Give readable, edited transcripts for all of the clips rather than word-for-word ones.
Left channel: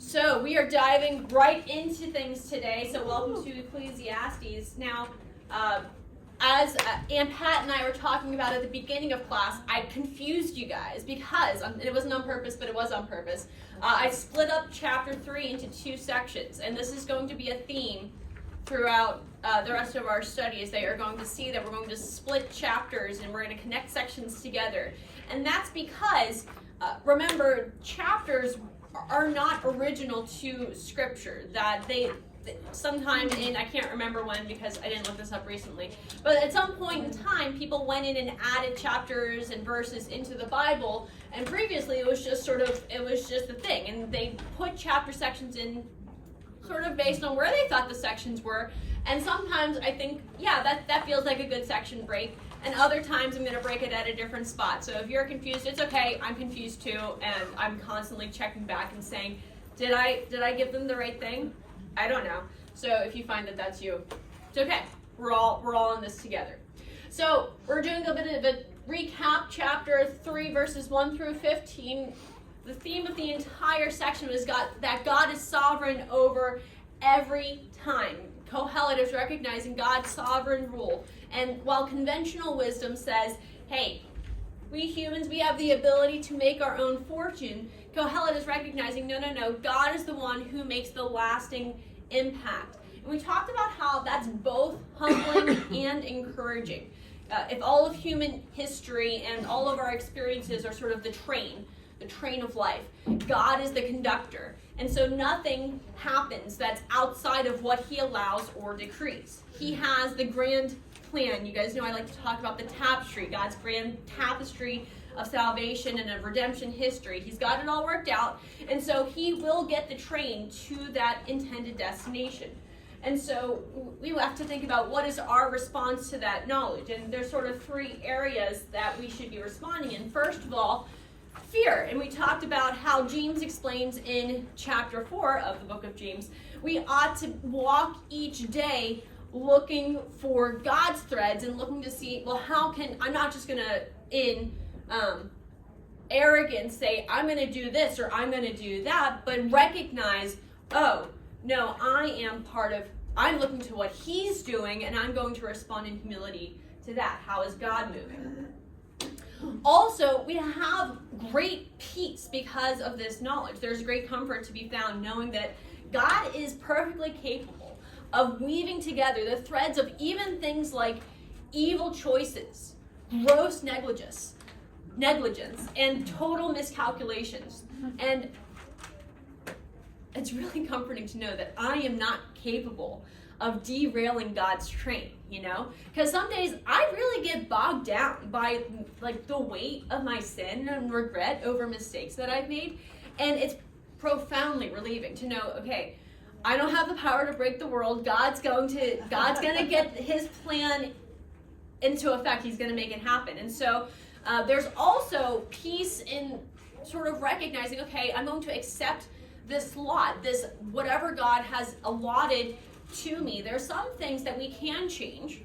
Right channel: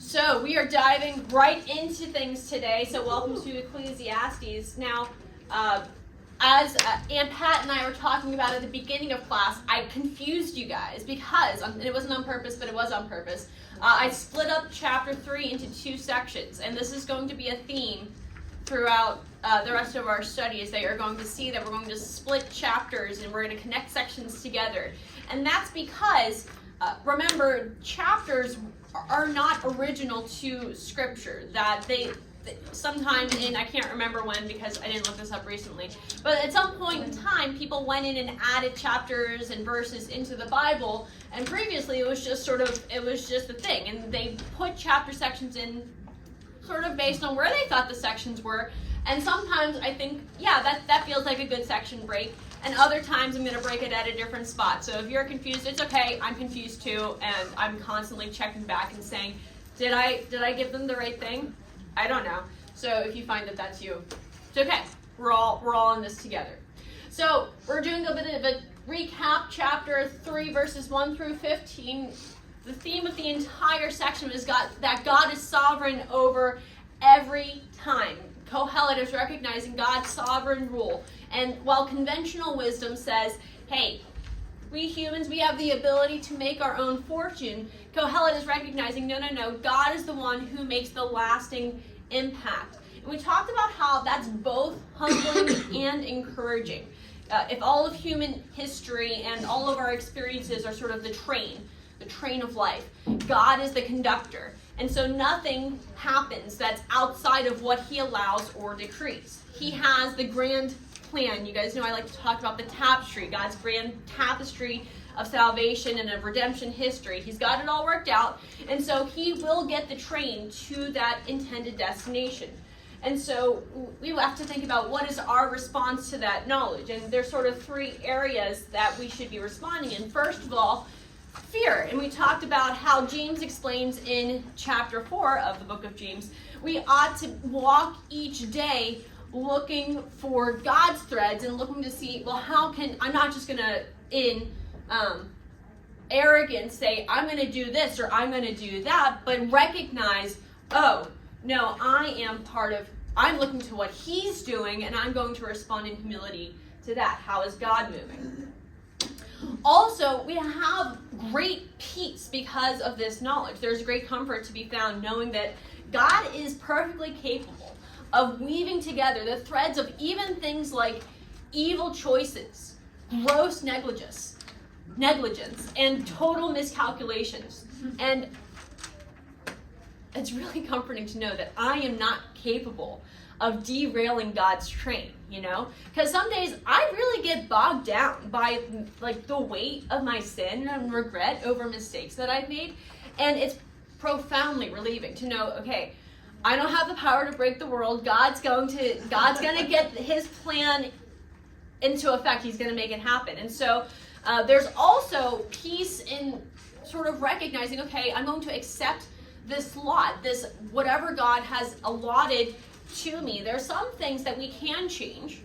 So we are diving right into things today. So welcome to Ecclesiastes. Now, as Aunt Pat and I were talking about at the beginning of class, I confused you guys because, it wasn't on purpose, but it was on purpose. I split up chapter 3 into 2 sections, and this is going to be a theme throughout the rest of our studies. They are going to see that we're going to split chapters and we're going to connect sections together. And that's because, remember, chapters are not original to Scripture. That they sometime in, I can't remember when because I didn't look this up recently, but at some point in time, people went in and added chapters and verses into the Bible, and previously it was just a thing, and they put chapter sections in sort of based on where they thought the sections were, and sometimes I think, yeah, that feels like a good section break, and other times I'm going to break it at a different spot. So if you're confused, it's okay, I'm confused too, and I'm constantly checking back and saying, did I give them the right thing? I don't know. So if you find that that's you, it's okay. We're all in this together. So we're doing a bit of a recap. Chapter 3, verses 1 through 15. The theme of the entire section is that God is sovereign over every time. Kohelet is recognizing God's sovereign rule. And while conventional wisdom says, hey, we humans, we have the ability to make our own fortune, Kohelet is recognizing, no, God is the one who makes the lasting impact. And we talked about how that's both humbling and encouraging. If all of human history and all of our experiences are sort of the train of life, God is the conductor. And so nothing happens that's outside of what he allows or decrees. He has the grand plan. You guys know I like to talk about the tapestry, God's grand tapestry of salvation and of redemption history. He's got it all worked out, and so he will get the train to that intended destination. And so we have to think about what is our response to that knowledge, and there's sort of 3 areas that we should be responding in. First of all, fear. And we talked about how James explains in chapter 4 of the book of James, we ought to walk each day looking for God's threads and looking to see, well, I'm not just going to, in arrogance, say, I'm going to do this or I'm going to do that, but recognize, oh, no, I'm looking to what he's doing and I'm going to respond in humility to that. How is God moving? Also, we have great peace because of this knowledge. There's great comfort to be found knowing that God is perfectly capable of weaving together the threads of even things like evil choices, gross negligence, and total miscalculations. And it's really comforting to know that I am not capable of derailing God's train, because some days I really get bogged down by the weight of my sin and regret over mistakes that I've made, and it's profoundly relieving to know, okay, I don't have the power to break the world. God's going to get his plan into effect. He's going to make it happen. And so there's also peace in sort of recognizing, okay, I'm going to accept this lot, this whatever God has allotted to me. There's some things that we can change,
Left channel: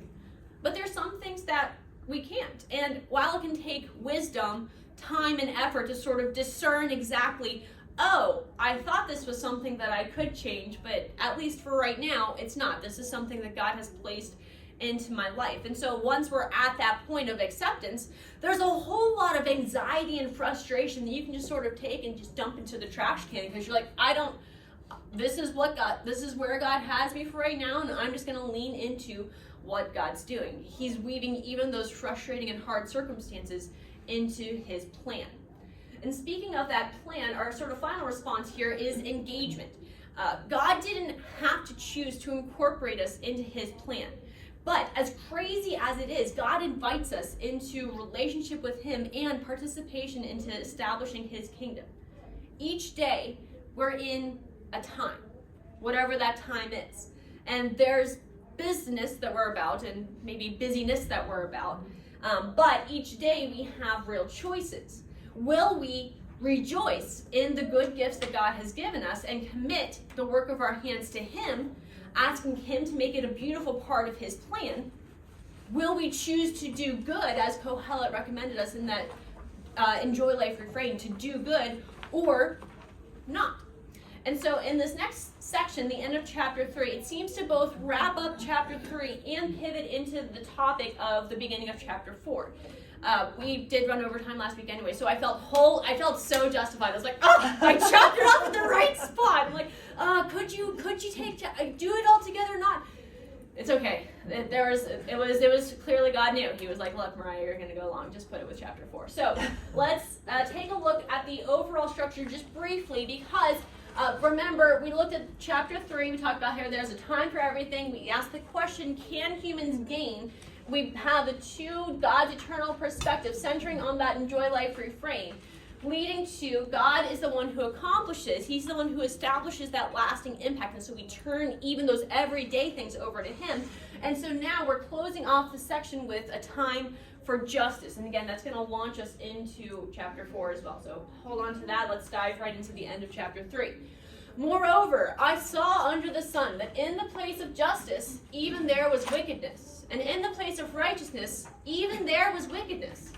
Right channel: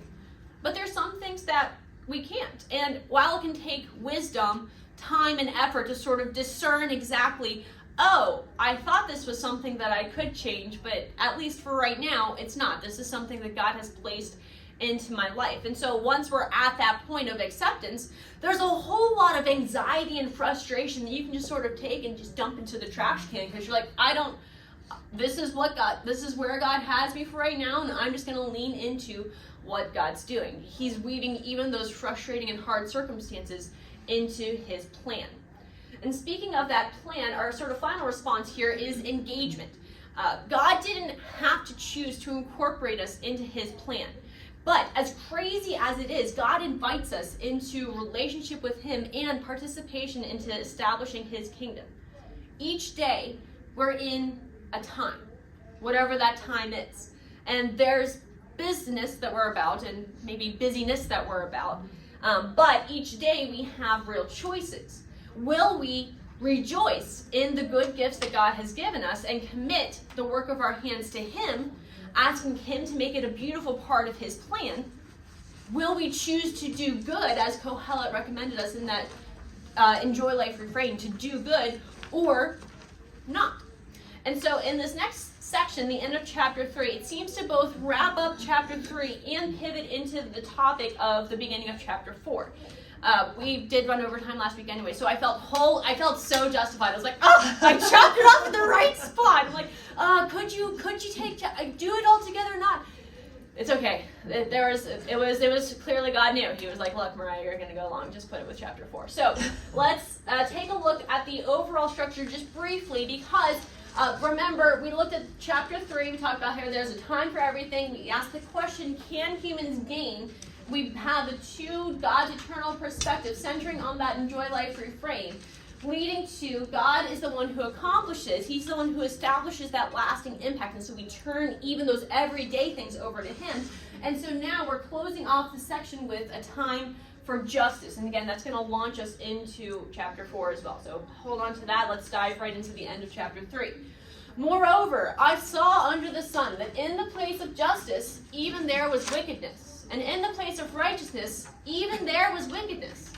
but there's some things that we can't. And while it can take wisdom, time, and effort to sort of discern exactly, oh, I thought this was something that I could change, but at least for right now, it's not. This is something that God has placed into my life. And so once we're at that point of acceptance, there's a whole lot of anxiety and frustration that you can just sort of take and just dump into the trash can, because you're like, this is where God has me for right now, and I'm just going to lean into what God's doing. He's weaving even those frustrating and hard circumstances into his plan. And speaking of that plan, our sort of final response here is engagement. God didn't have to choose to incorporate us into his plan. But as crazy as it is, God invites us into relationship with him and participation into establishing his kingdom. Each day, we're in a time, whatever that time is. And there's business that we're about and maybe busyness that we're about. But each day we have real choices. Will we rejoice in the good gifts that God has given us and commit the work of our hands to him, asking him to make it a beautiful part of his plan? Will we choose to do good, as Kohelet recommended us in that Enjoy Life refrain, to do good, or not? And so in this next section, the end of chapter 3, it seems to both wrap up chapter 3 and pivot into the topic of the beginning of chapter 4. We did run over time last week anyway, so I felt so justified. I was like, oh, I chopped it off at the right spot. I'm like, could you do it all together or not? It's okay. It was clearly God knew. He was like, look, Mariah, you're going to go along. Just put it with chapter 4. So let's take a look at the overall structure just briefly, because remember, we looked at chapter 3. We talked about here there's a time for everything. We asked the question, can humans gain? We have the two God's eternal perspective centering on that enjoy life refrain, leading to God is the one who accomplishes. He's the one who establishes that lasting impact. And so we turn even those everyday things over to him. And so now we're closing off the section with a time for justice. And again, that's going to launch us into chapter 4 as well. So hold on to that. Let's dive right into the end of chapter 3. Moreover, I saw under the sun that in the place of justice, even there was wickedness. And in the place of righteousness, even there was wickedness.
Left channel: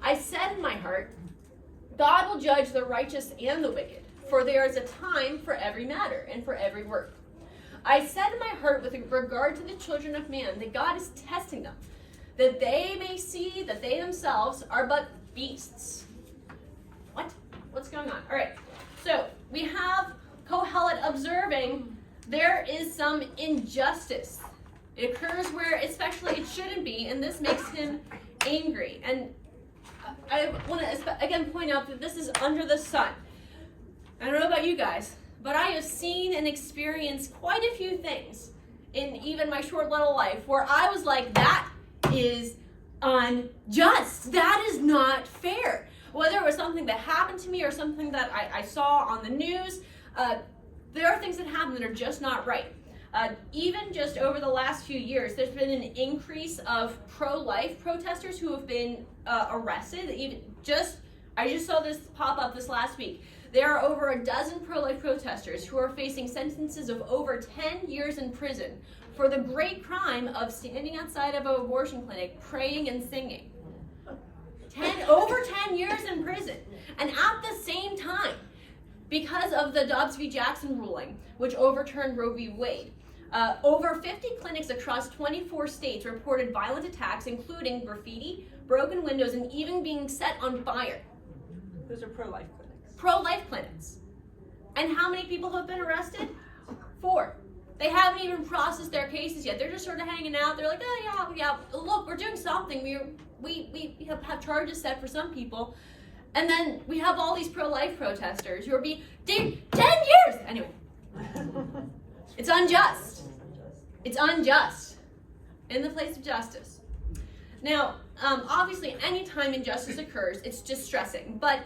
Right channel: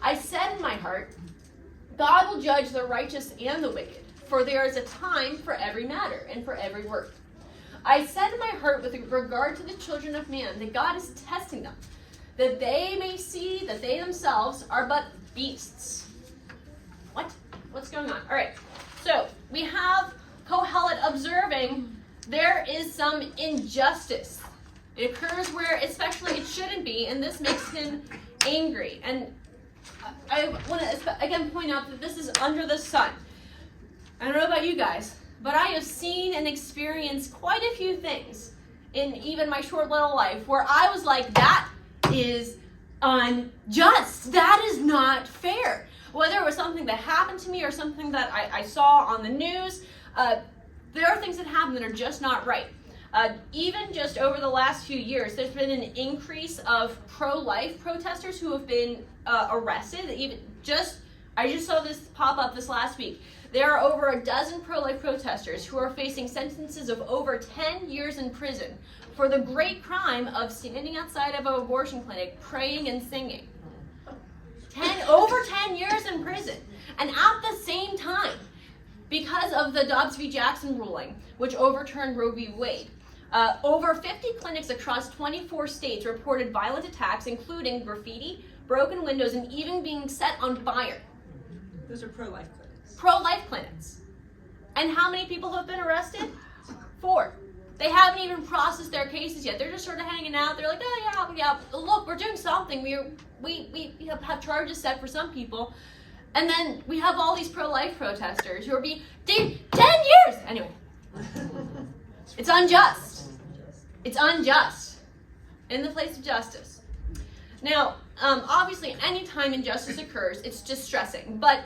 I said in my heart, God will judge the righteous and the wicked, for there is a time for every matter and for every work. I said in my heart with regard to the children of man that God is testing them, that they may see that they themselves are but beasts. What? What's going on? All right. So we have Kohelet observing there is some injustice. It occurs where especially it shouldn't be, and this makes him angry. And I want to again point out that this is under the sun. I don't know about you guys, but I have seen and experienced quite a few things in even my short little life where I was like, that is unjust. That is not fair. Whether it was something that happened to me or something that I saw on the news, there are things that happen that are just not right. Even just over the last few years, there's been an increase of pro-life protesters who have been arrested. I just saw this pop up this last week. There are over a dozen pro-life protesters who are facing sentences of over 10 years in prison for the great crime of standing outside of an abortion clinic, praying and singing. Over 10 years in prison. And at the same time, because of the Dobbs v. Jackson ruling, which overturned Roe v. Wade, over 50 clinics across 24 states reported violent attacks, including graffiti, broken windows, and even being set on fire. Those are pro-life clinics. Pro-life clinics. And how many people have been arrested? 4. They haven't even processed their cases yet. They're just sort of hanging out. They're like, oh yeah, look, we're doing something. We have charges set for some people. And then we have all these pro-life protesters who are being 10 years! Anyway. It's unjust. It's unjust. In the place of justice. Now, obviously, anytime injustice occurs, it's distressing. But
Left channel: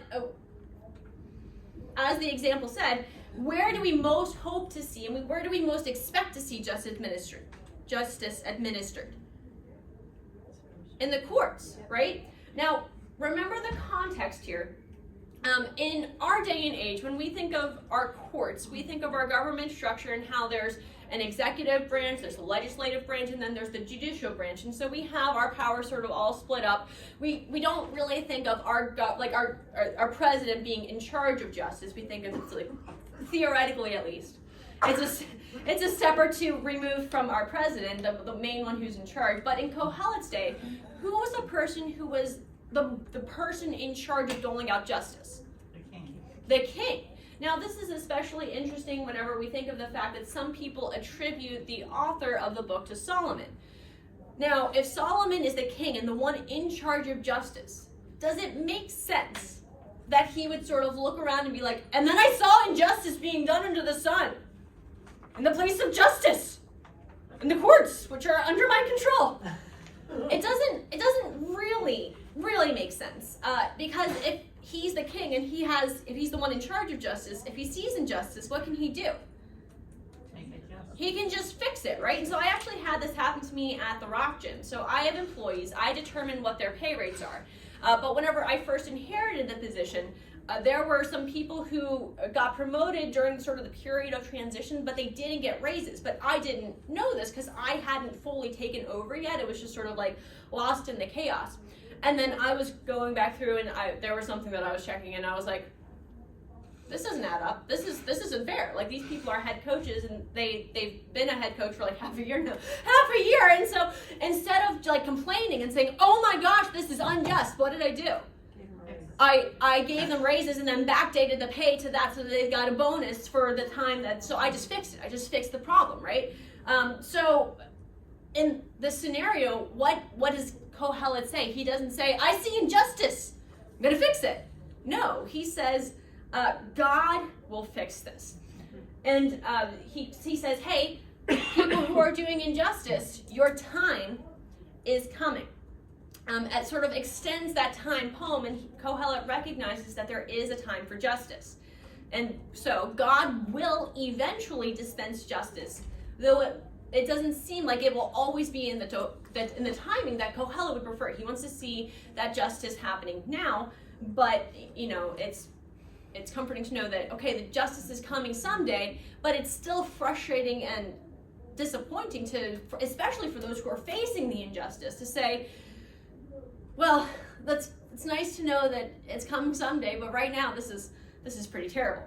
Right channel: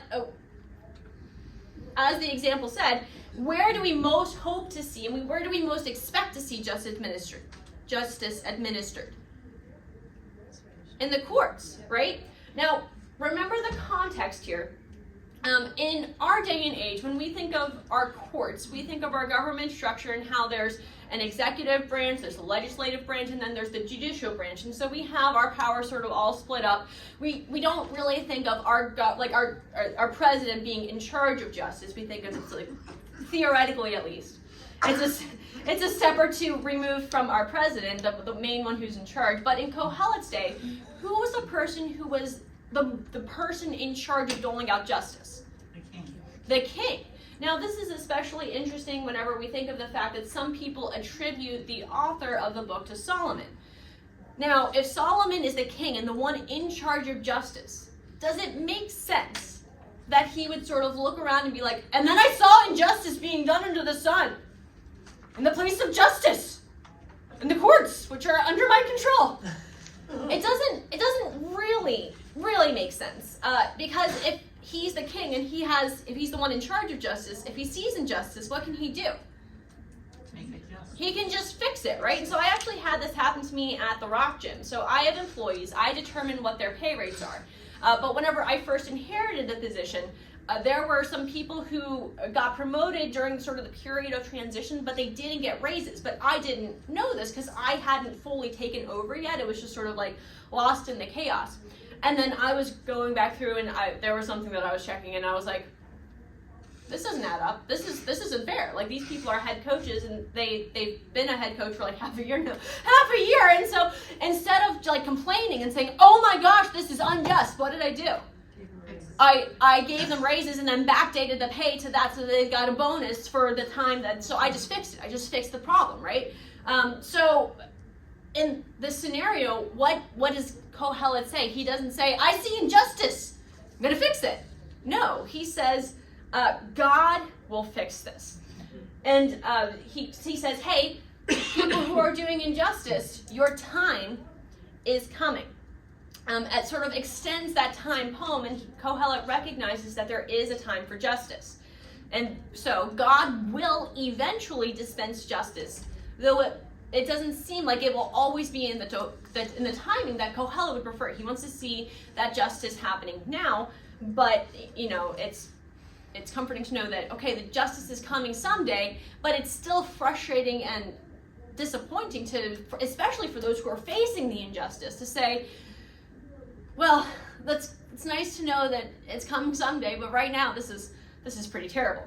as the example said, where do we most hope to see, and where do we most expect to see justice administered? In the courts, right? Now, remember the context here. In our day and age, when we think of our courts, we think of our government structure and how there's an executive branch, there's a legislative branch, and then there's the judicial branch. And so we have our power sort of all split up. We don't really think of our president being in charge of justice. We think of it like, theoretically at least. It's a step or two removed from our president, the main one who's in charge. But in Kohelet's day, who was the person who was the person in charge of doling out justice? The king. The king. Now, this is especially interesting whenever we think of the fact that some people attribute the author of the book to Solomon. Now, if Solomon is the king and the one in charge of justice, does it make sense that he would sort of look around and be like, and then I saw injustice being done under the sun, in the place of justice, in the courts, which are under my control? It doesn't really make sense, because if he's the king and if he's the one in charge of justice, if he sees injustice, what can he do? Make it just. He can just fix it, right? And so I actually had this happen to me at the Rock Gym. So I have employees. I determine what their pay rates are. But whenever I first inherited the position, there were some people who got promoted during sort of the period of transition, but they didn't get raises. But I didn't know this because I hadn't fully taken over yet. It was just sort of like lost in the chaos. And then I was going back through and there was something that I was checking and I was like, this doesn't add up. This isn't fair. Like, these people are head coaches, and they've been a head coach for like half a year now. Half a year! And so instead of like complaining and saying, oh my gosh, this is unjust, what did I do? I gave them raises and then backdated the pay to that so they got a bonus for the time that, so I just fixed it. I just fixed the problem, right? So in this scenario, what does Kohelet say? He doesn't say, I see injustice, I'm going to fix it. No, he says, God will fix this. And he says, hey, people who are doing injustice, your time is coming. It sort of extends that time home, and Kohelet recognizes that there is a time for justice. And so God will eventually dispense justice, though it doesn't seem like it will always be in the timing that Kohelet would prefer. He wants to see that justice happening now, but it's comforting to know that, okay, the justice is coming someday, but it's still frustrating and disappointing especially for those who are facing the injustice, to say, well, it's nice to know that it's coming someday, but right now this is pretty terrible.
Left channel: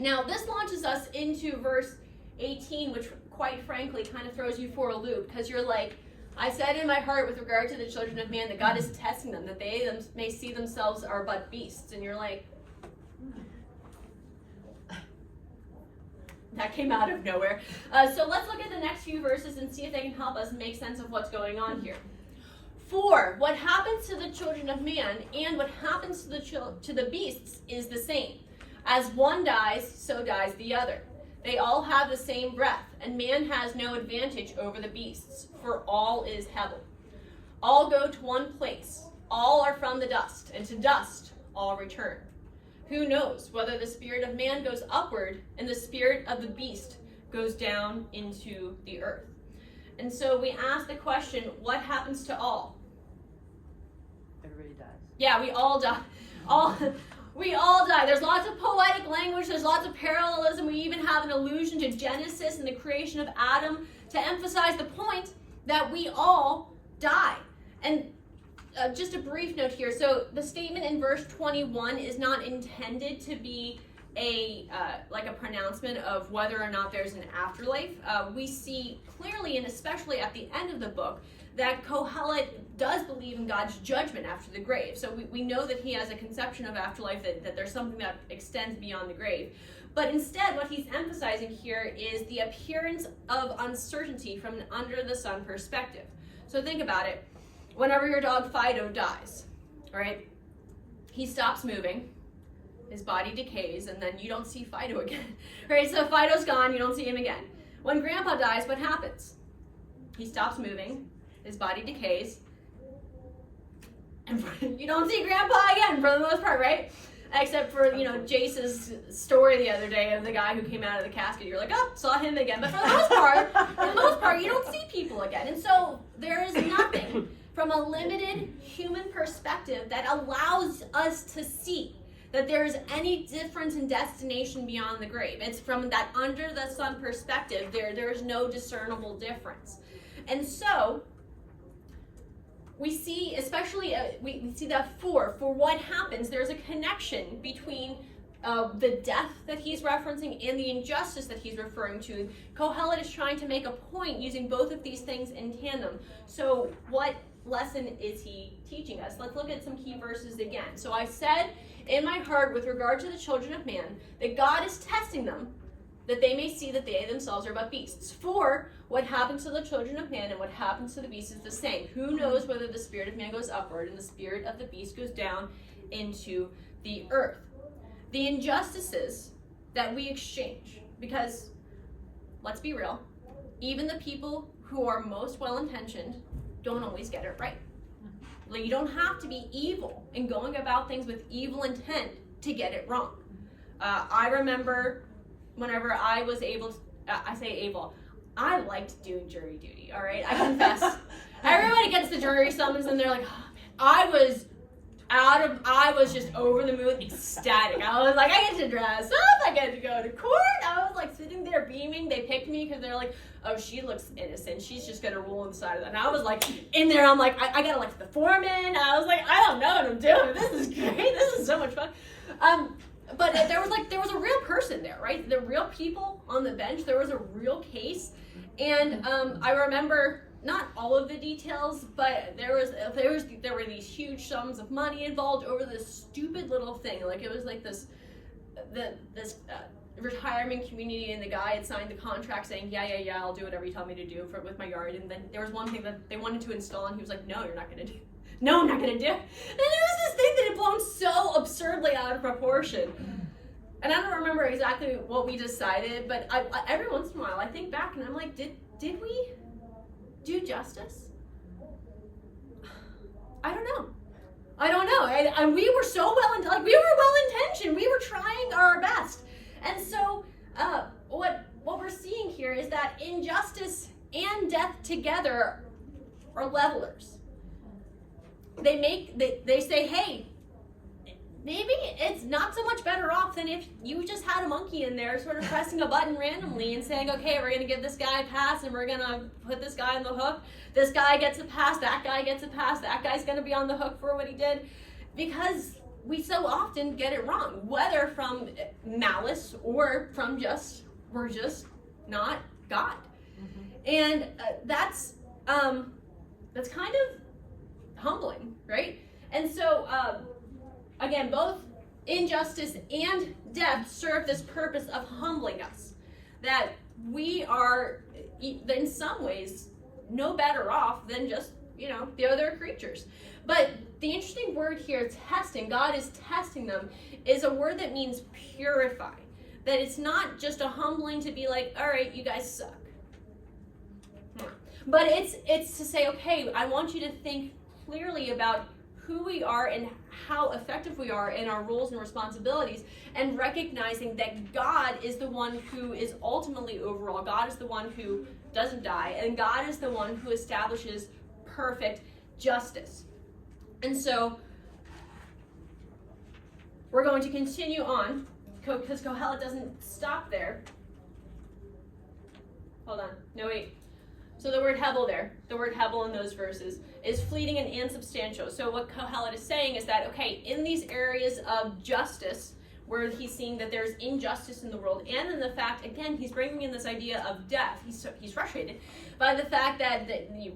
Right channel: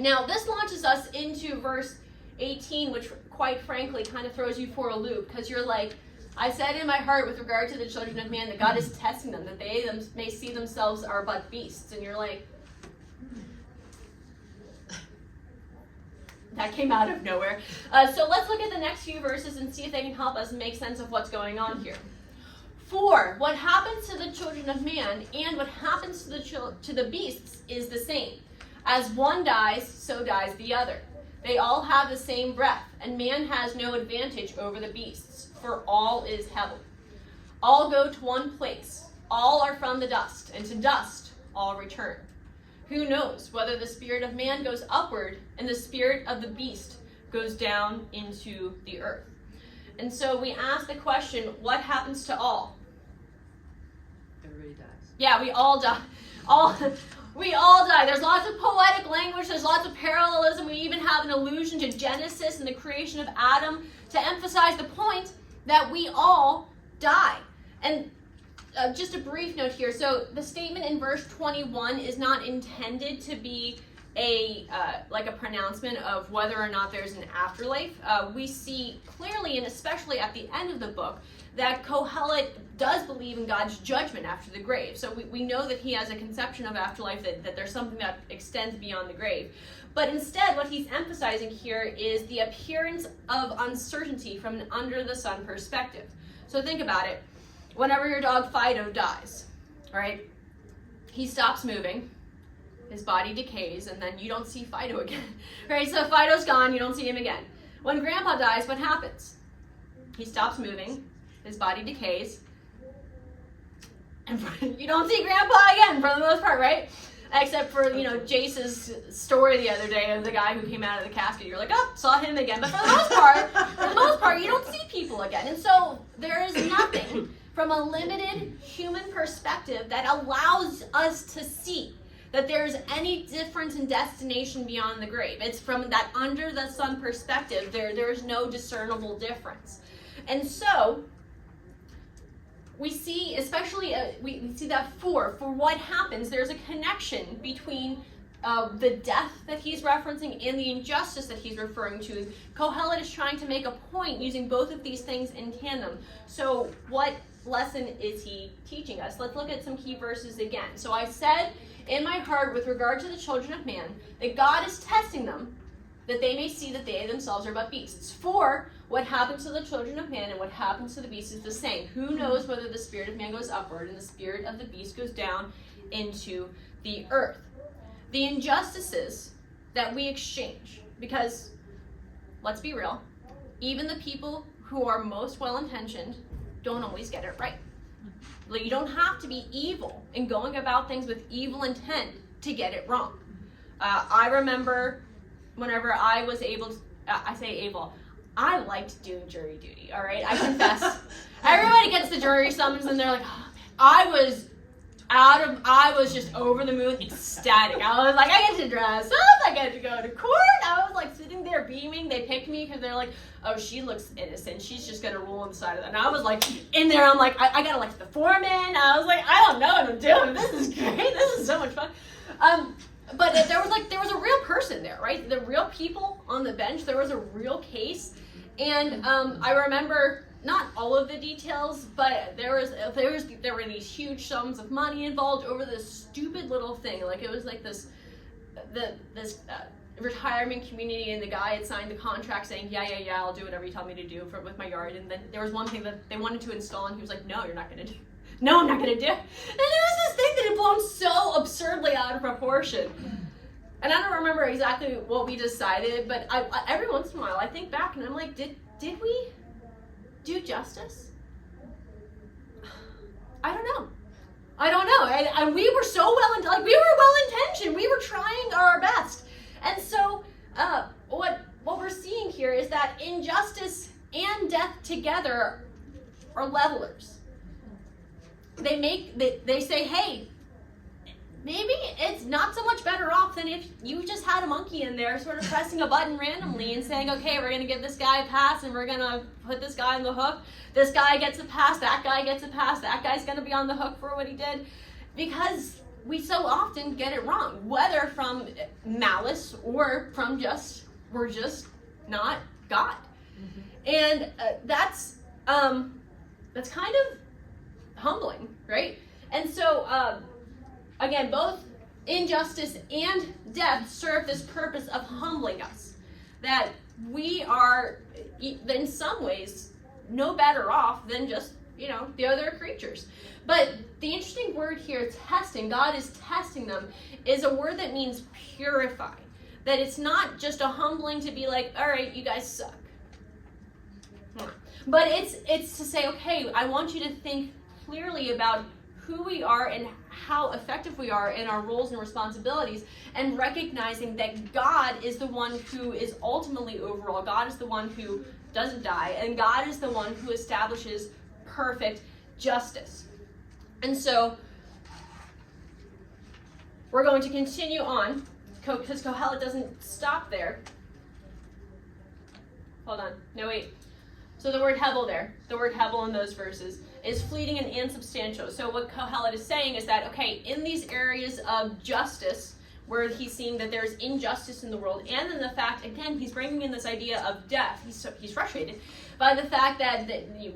Now, this launches us into verse 18, which quite frankly kind of throws you for a loop, because you're like, I said in my heart with regard to the children of man that God is testing them, that they may see themselves are but beasts. And you're like, that came out of nowhere. So let's look at the next few verses and see if they can help us make sense of what's going on here. For what happens to the children of man and what happens to the beasts is the same. As one dies, so dies the other. They all have the same breath, and man has no advantage over the beasts, for all is hevel. All go to one place. All are from the dust, and to dust all return. Who knows whether the spirit of man goes upward and the spirit of the beast goes down into the earth? And so we ask the question, what happens to all? Everybody dies. Yeah, we all die. We all die. There's lots of poetic language. There's lots of parallelism. We even have an allusion to Genesis and the creation of Adam to emphasize the point that we all die. And just a brief note here. So the statement in verse 21 is not intended to be a pronouncement of whether or not there's an afterlife. We see clearly, and especially at the end of the book, that Kohelet does believe in God's judgment after the grave. So we know that he has a conception of afterlife, that there's something that extends beyond the grave. But instead, what he's emphasizing here is the appearance of uncertainty from an under-the-sun perspective. So think about it. Whenever your dog Fido dies, right, he stops moving, his body decays, and then you don't see Fido again. Right, so Fido's gone, you don't see him again. When Grandpa dies, what happens? He stops moving, his body decays, and you don't see Grandpa again for the most part, right? Except for, Jace's story the other day of the guy who came out of the casket. You're like, oh, saw him again. But for the most part, you don't see people again. And so there is nothing from a limited human perspective that allows us to see that there is any difference in destination beyond the grave. It's from that under the sun perspective, there is no discernible difference. And so we see, especially, we see that for what happens, there's a connection between the death that he's referencing and the injustice that he's referring to. Kohelet is trying to make a point using both of these things in tandem. So what lesson is he teaching us? Let's look at some key verses again. So I said in my heart with regard to the children of man that God is testing them, that they may see that they themselves are but beasts. For what happens to the children of man and what happens to the beast is the same. Who knows whether the spirit of man goes upward and the spirit of the beast goes down into the earth? The injustices that we exchange, because let's be real, even the people who are most well-intentioned don't always get it right. Like, you don't have to be evil and going about things with evil intent to get it wrong. I remember whenever I was able to, I say able, I liked doing jury duty, all right? I confess. Everybody gets the jury summons and they're like, oh, I was just over the moon, ecstatic. I was like, I get to dress up, I get to go to court. I was like sitting there beaming. They picked me because they're like, oh, she looks innocent. She's just gonna roll inside of that. And I was like, in there, I'm like, I gotta elect the foreman. I was like, I don't know what I'm doing. This is great. This is so much fun. But but there was a real person there, right? The real people on the bench. There was a real case, and I remember not all of the details, but there were these huge sums of money involved over this stupid little thing. Like it was like this retirement community, and the guy had signed the contract saying, yeah, I'll do whatever you tell me to do with my yard. And then there was one thing that they wanted to install, and he was like, no, you're not going to do. No, I'm not going to do it. And it was this thing that had blown so absurdly out of proportion. And I don't remember exactly what we decided, but I every once in a while I think back and I'm like, did we do justice? I don't know. And we were so we were well intentioned. We were trying our best. And so what we're seeing here is that injustice and death together are levelers. They say, hey, maybe it's not so much better off than if you just had a monkey in there sort of pressing a button randomly and saying, okay, we're going to give this guy a pass and we're going to put this guy on the hook. This guy gets a pass, that guy gets a pass, that guy's going to be on the hook for what he did. Because we so often get it wrong, whether from malice or from we're just not God. Mm-hmm. And that's kind of humbling, right? And so, again, both injustice and death serve this purpose of humbling us. That we are, in some ways, no better off than just, the other creatures. But the interesting word here, testing, God is testing them, is a word that means purify. That it's not just a humbling to be like, all right, you guys suck. But it's to say, okay, I want you to think clearly about who we are and how effective we are in our roles and responsibilities, and recognizing that God is the one who is ultimately overall. God is the one who doesn't die, and God is the one who establishes perfect justice. And so we're going to continue on, because Kohelet doesn't stop there. Hold on. No, wait. So the word Hebel there, the word Hebel in those verses, is fleeting and insubstantial. So what Kohelet is saying is that, okay, in these areas of justice, where he's seeing that there's injustice in the world, and in the fact, again, he's bringing in this idea of death. He's frustrated by the fact that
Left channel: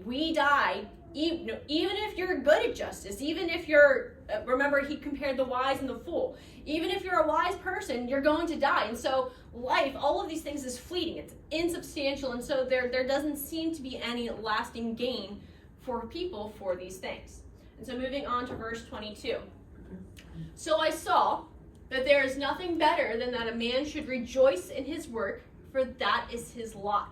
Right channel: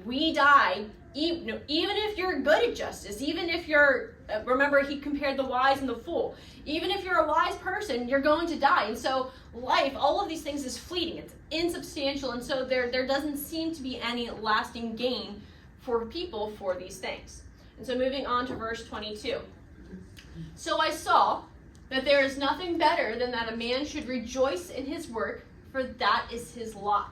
we die, even if you're good at justice, even if you're, remember he compared the wise and the fool, even if you're a wise person, you're going to die. And so life, all of these things is fleeting, it's insubstantial, and so there doesn't seem to be any lasting gain for people for these things. And so moving on to verse 22. So I saw that there is nothing better than that a man should rejoice in his work, for that is his lot.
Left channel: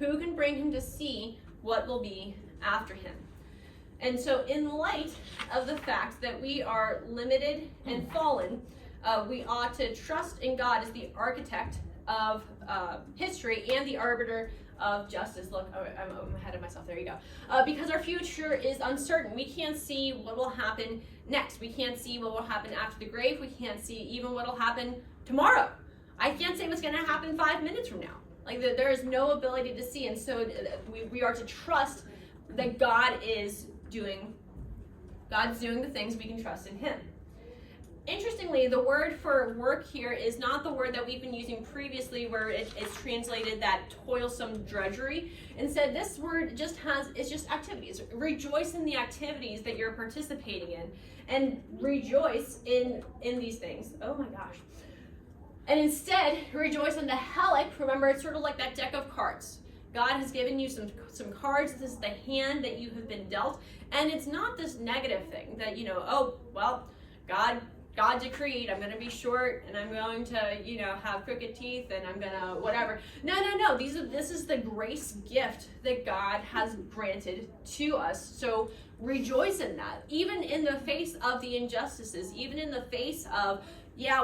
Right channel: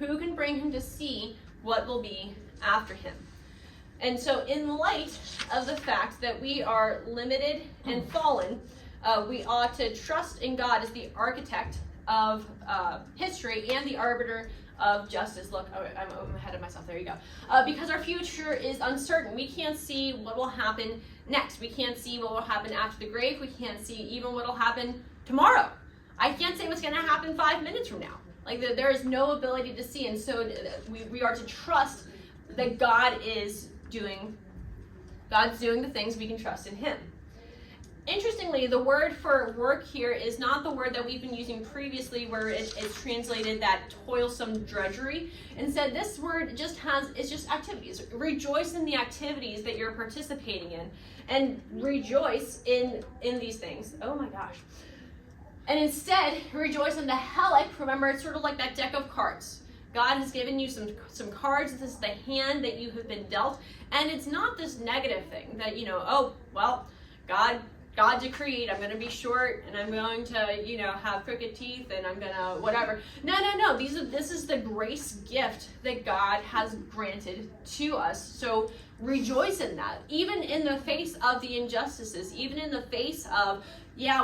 Who can bring him to see what will be after him? And so in light of the fact that we are limited and fallen, we ought to trust in God as the architect of history and the arbiter of justice. Look, I'm ahead of myself. There you go. Because our future is uncertain. We can't see what will happen next. We can't see what will happen after the grave. We can't see even what will happen tomorrow. I can't say what's going to happen 5 minutes from now. Like there is no ability to see, and so we are to trust that God's doing the things. We can trust in Him. Interestingly, the word for work here is not the word that we've been using previously, where it's translated that toilsome drudgery. Instead, this word it's just activities. Rejoice in the activities that you're participating in, and rejoice in these things. Oh my gosh. And instead, rejoice in the helic. Remember, it's sort of like that deck of cards. God has given you some cards. This is the hand that you have been dealt. And it's not this negative thing that, oh, well, God decreed I'm going to be short, and I'm going to, have crooked teeth, and I'm going to whatever. No. This is the grace gift that God has granted to us. So rejoice in that. Even in the face of the injustices, even in the face of,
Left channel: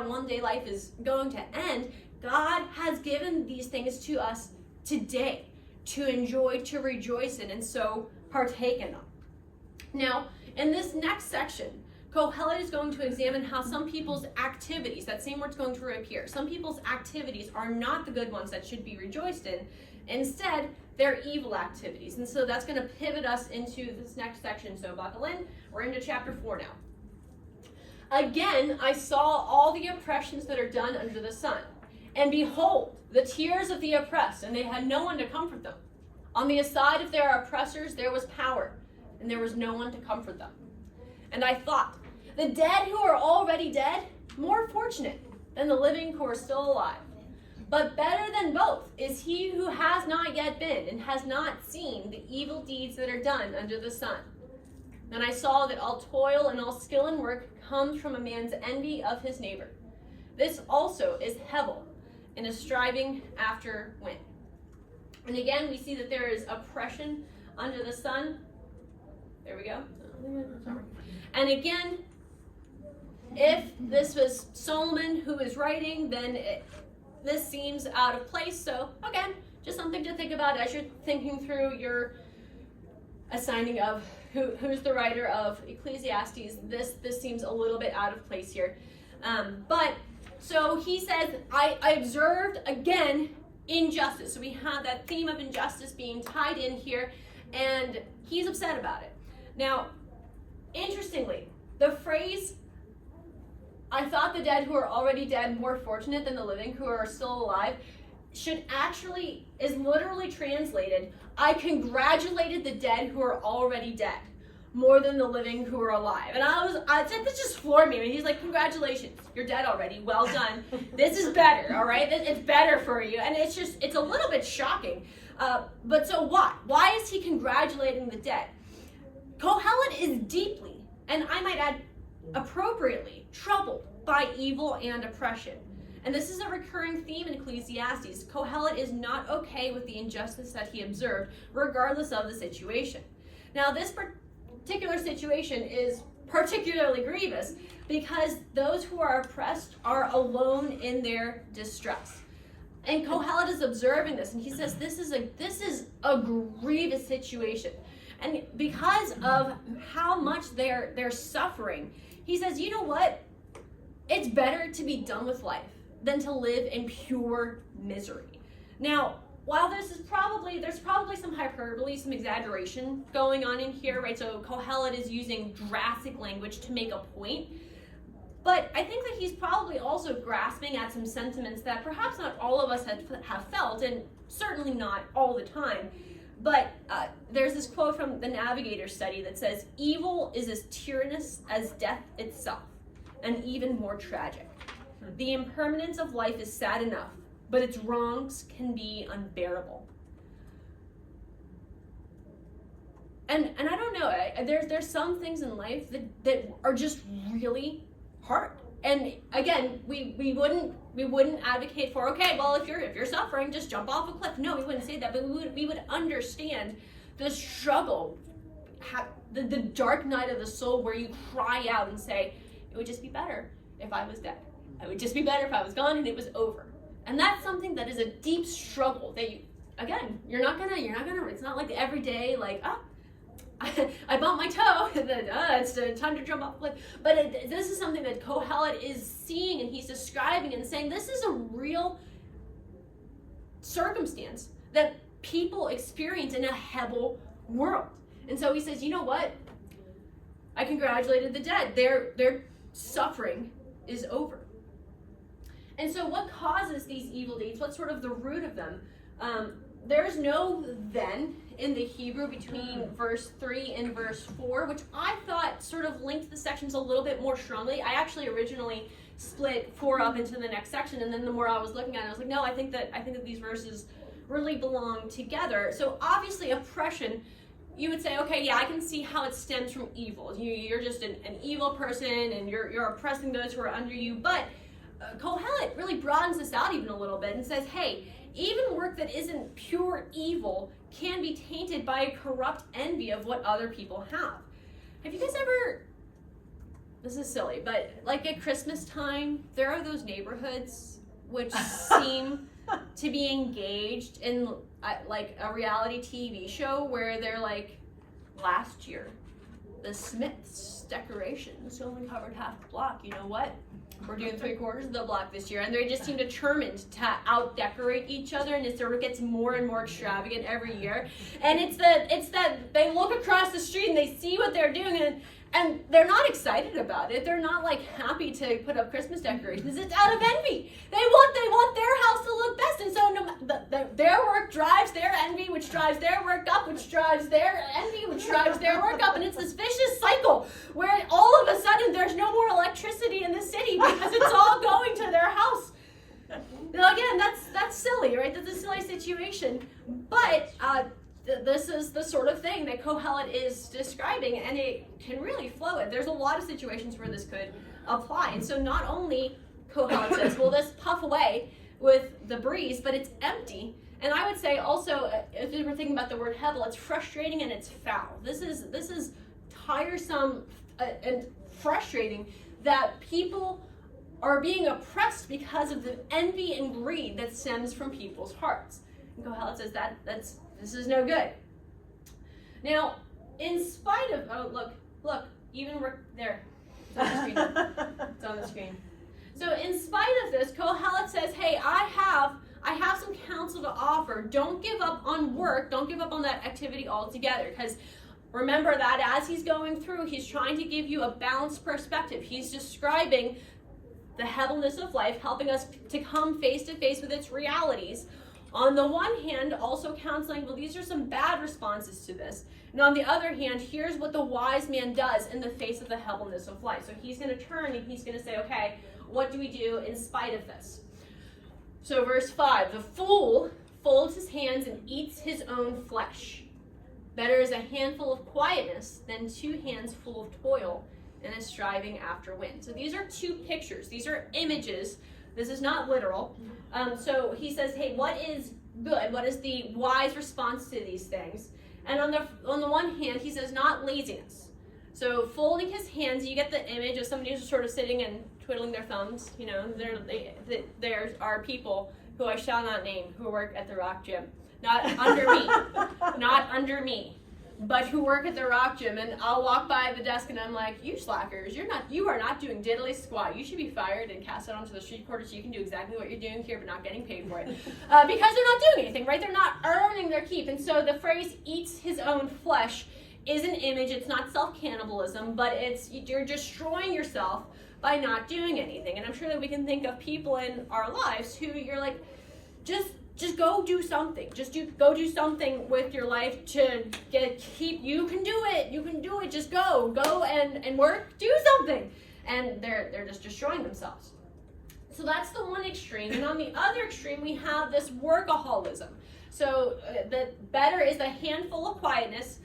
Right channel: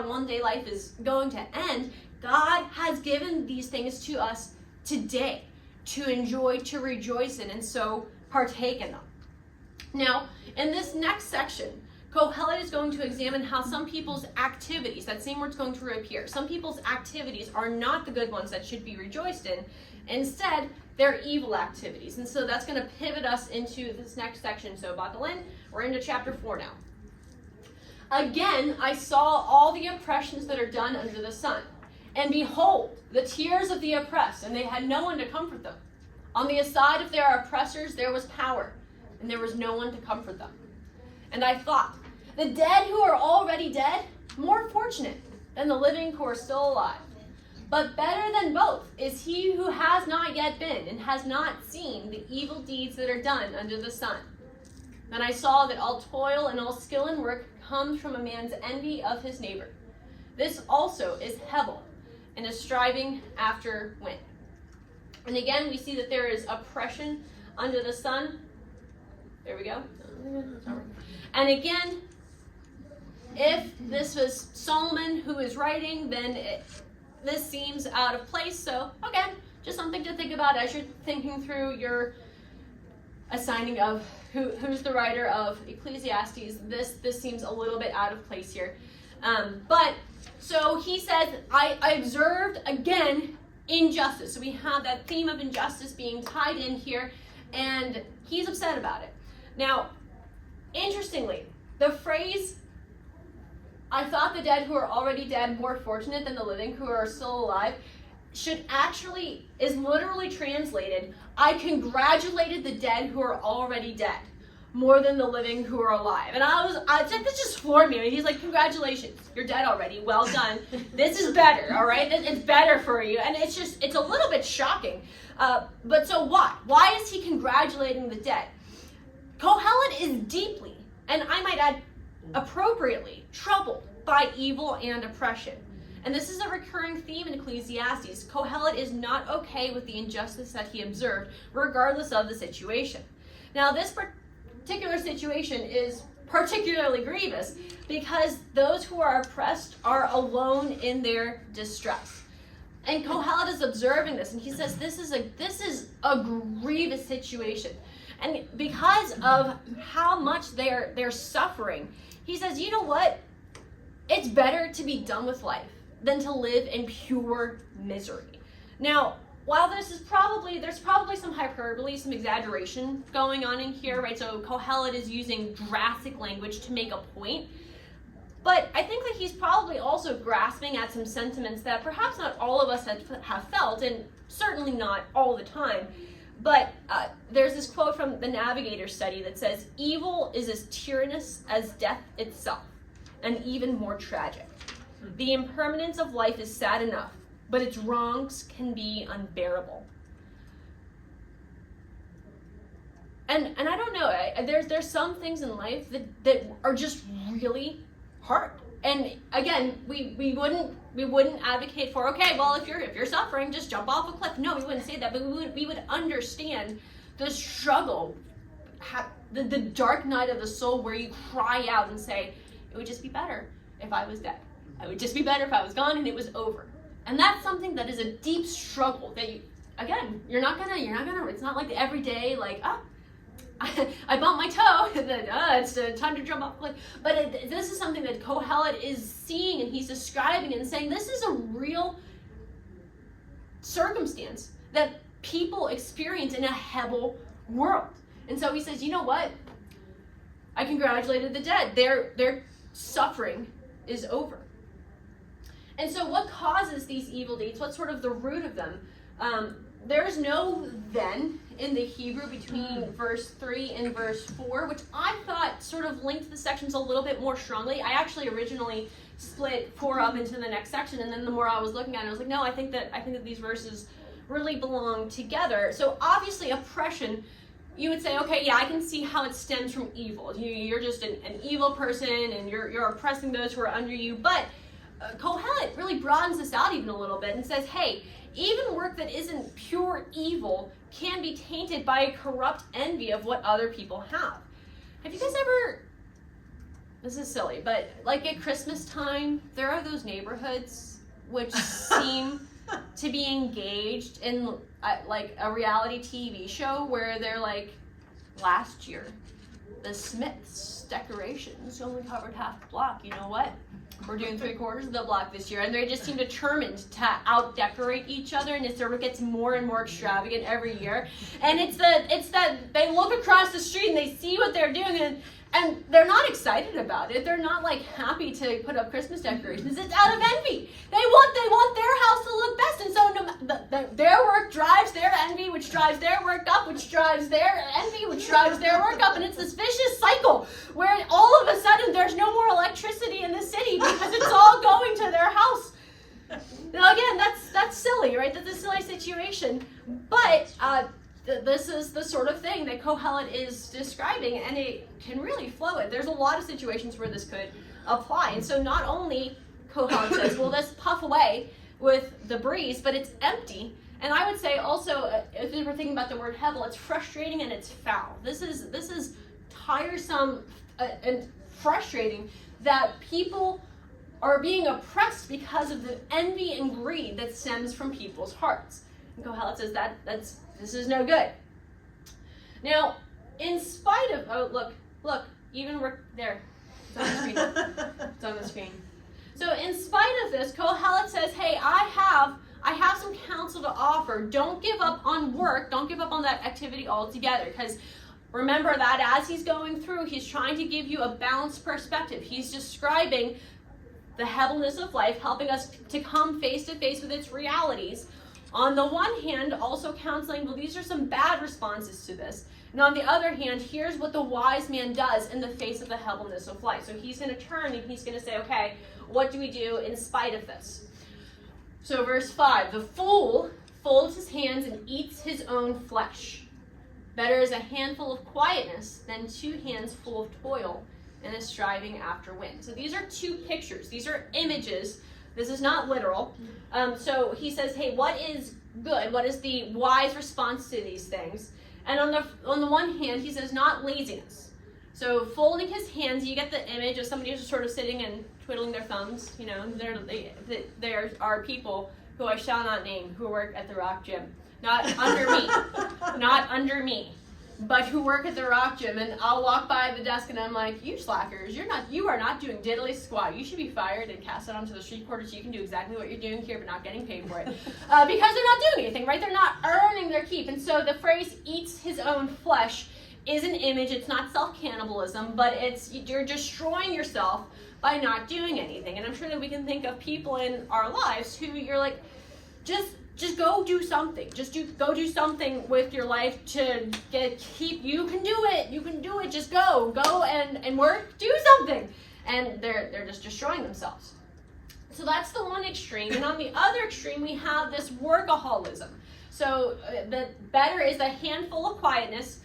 one day life is going to end, God has given these things to us today to enjoy, to rejoice in, and so partake in them. Now, in this next section, Kohelet is going to examine how some people's activities, that same word's going to reappear, some people's activities are not the good ones that should be rejoiced in. Instead, they're evil activities. And so that's going to pivot us into this next section. So buckle in. We're into chapter 4 now. Again, I saw all the oppressions that are done under the sun. And behold, the tears of the oppressed, and they had no one to comfort them. On the side of their oppressors there was power, and there was no one to comfort them. And I thought, the dead who are already dead, more fortunate than the living who are still alive. But better than both is he who has not yet been and has not seen the evil deeds that are done under the sun. Then I saw that all toil and all skill in work comes from a man's envy of his neighbor. This also is Hevel, and is striving after wind. And again, we see that there is oppression under the sun. There we go. And again, if this was Solomon who is writing, then this seems out of place. So again, just something to think about as you're thinking through your assigning of who's the writer of Ecclesiastes. This seems a little bit out of place here. But so he says, I observed again injustice. So we have that theme of injustice being tied in here, and he's upset about it. Now, interestingly, the phrase, I thought the dead who are already dead more fortunate than the living who are still alive, is literally translated, I congratulated the dead who are already dead more than the living who are alive. And this just floored me. He's like, congratulations, you're dead already, well done. This is better, all right? It's better for you. And it's a little bit shocking. But so what? Why is he congratulating the dead? Kohelet is deeply, and I might add appropriately, troubled by evil and oppression. And this is a recurring theme in Ecclesiastes. Kohelet is not okay with the injustice that he observed, regardless of the situation. Now, this particular situation is particularly grievous because those who are oppressed are alone in their distress. And Kohelet is observing this, and he says this is a grievous situation. And because of how much they're suffering, he says, you know what? It's better to be done with life than to live in pure misery. Now, while there's probably some hyperbole, some exaggeration going on in here, right? So Kohelet is using drastic language to make a point. But I think that he's probably also grasping at some sentiments that perhaps not all of us have felt, and certainly not all the time. But there's this quote from the Navigator study that says, evil is as tyrannous as death itself, and even more tragic. The impermanence of life is sad enough, but its wrongs can be unbearable. And I don't know, there's some things in life that are just really hard. And again, we wouldn't advocate for, okay, well, if you're suffering, just jump off a cliff. No, we wouldn't say that, but we would understand the struggle, the dark night of the soul where you cry out and say, it would just be better if I was dead. It would just be better if I was gone and it was over. And that's something that is a deep struggle that you're not gonna, it's not like every day, like, I bumped my toe, it's time to jump off. But this is something that Kohelet is seeing, and he's describing and saying this is a real circumstance that people experience in a Hevel world. And so he says, you know what? I congratulated the dead. Their suffering is over. And so what causes these evil deeds? What's sort of the root of them? There's no then in the Hebrew between verse 3 and verse 4, which I thought sort of linked the sections a little bit more strongly. I actually originally split 4 up into the next section, and then the more I was looking at it, I was like, no, I think that these verses really belong together. So obviously oppression, you would say, okay, yeah, I can see how it stems from evil. You're just an evil person, and you're oppressing those who are under you. But Kohelet really broadens this out even a little bit and says, hey, even work that isn't pure evil can be tainted by a corrupt envy of what other people have. Have you guys ever, this is silly, but like at Christmas time, there are those neighborhoods which seem to be engaged in like a reality TV show where they're like, last year, the Smiths decorations only covered half the block. You know what? We're doing 3/4 of the block this year, and they just seem determined to out-decorate each other, and it sort of gets more and more extravagant every year. And it's that they look across the street and they see what they're doing, And they're not excited about it. They're not like happy to put up Christmas decorations. It's out of envy. They want their house to look best, and so their work drives their envy, which drives their work up, which drives their envy, which drives their work up, and it's this vicious cycle where all of a sudden there's no more electricity in the city because it's all going to their house. Now again, that's silly, right? That's a silly situation, but this is the sort of thing that Kohelet is describing, and it can really flow it. There's a lot of situations where this could apply, and so not only Kohelet says, well, this puff away with the breeze, but it's empty. And I would say also, if we were thinking about the word hevel, it's frustrating and it's foul. This is tiresome and frustrating that people are being oppressed because of the envy and greed that stems from people's hearts. And Kohelet says this is no good. Now, in spite of, look, even we're there. It's on the screen. It's on the screen. So in spite of this, Kohelet says, hey, I have some counsel to offer. Don't give up on work. Don't give up on that activity altogether. Because remember that as he's going through, he's trying to give you a balanced perspective. He's describing the heaviness of life, helping us to come face to face with its realities. On the one hand, also counseling, well, these are some bad responses to this. And on the other hand, here's what the wise man does in the face of the heaviness of life. So he's going to turn and he's going to say, okay, what do we do in spite of this? So verse 5, the fool folds his hands and eats his own flesh. Better is a handful of quietness than 2 hands full of toil and a striving after wind. So these are 2 pictures. These are images. This is not literal. So he says, hey, what is good? What is the wise response to these things? And on the one hand, he says not laziness. So folding his hands, you get the image of somebody who's sort of sitting and twiddling their thumbs. You know, there are people who I shall not name who work at the Rock Gym. Not under me. Not under me. But who work at the Rock Gym, and I'll walk by the desk and I'm like, you slackers, you are not doing diddly squat. You should be fired and cast out onto the street corner so you can do exactly what you're doing here but not getting paid for it. Because they're not doing anything, right? They're not earning their keep. And so the phrase eats his own flesh is an image. It's not self-cannibalism, but you're destroying yourself by not doing anything. And I'm sure that we can think of people in our lives who you're like, just go do something. Go do something with your life to keep. You can do it. You can do it. Just go and work. Do something. And they're just destroying themselves. So that's the one extreme. And on the other extreme, we have this workaholism. So the better is a handful of quietness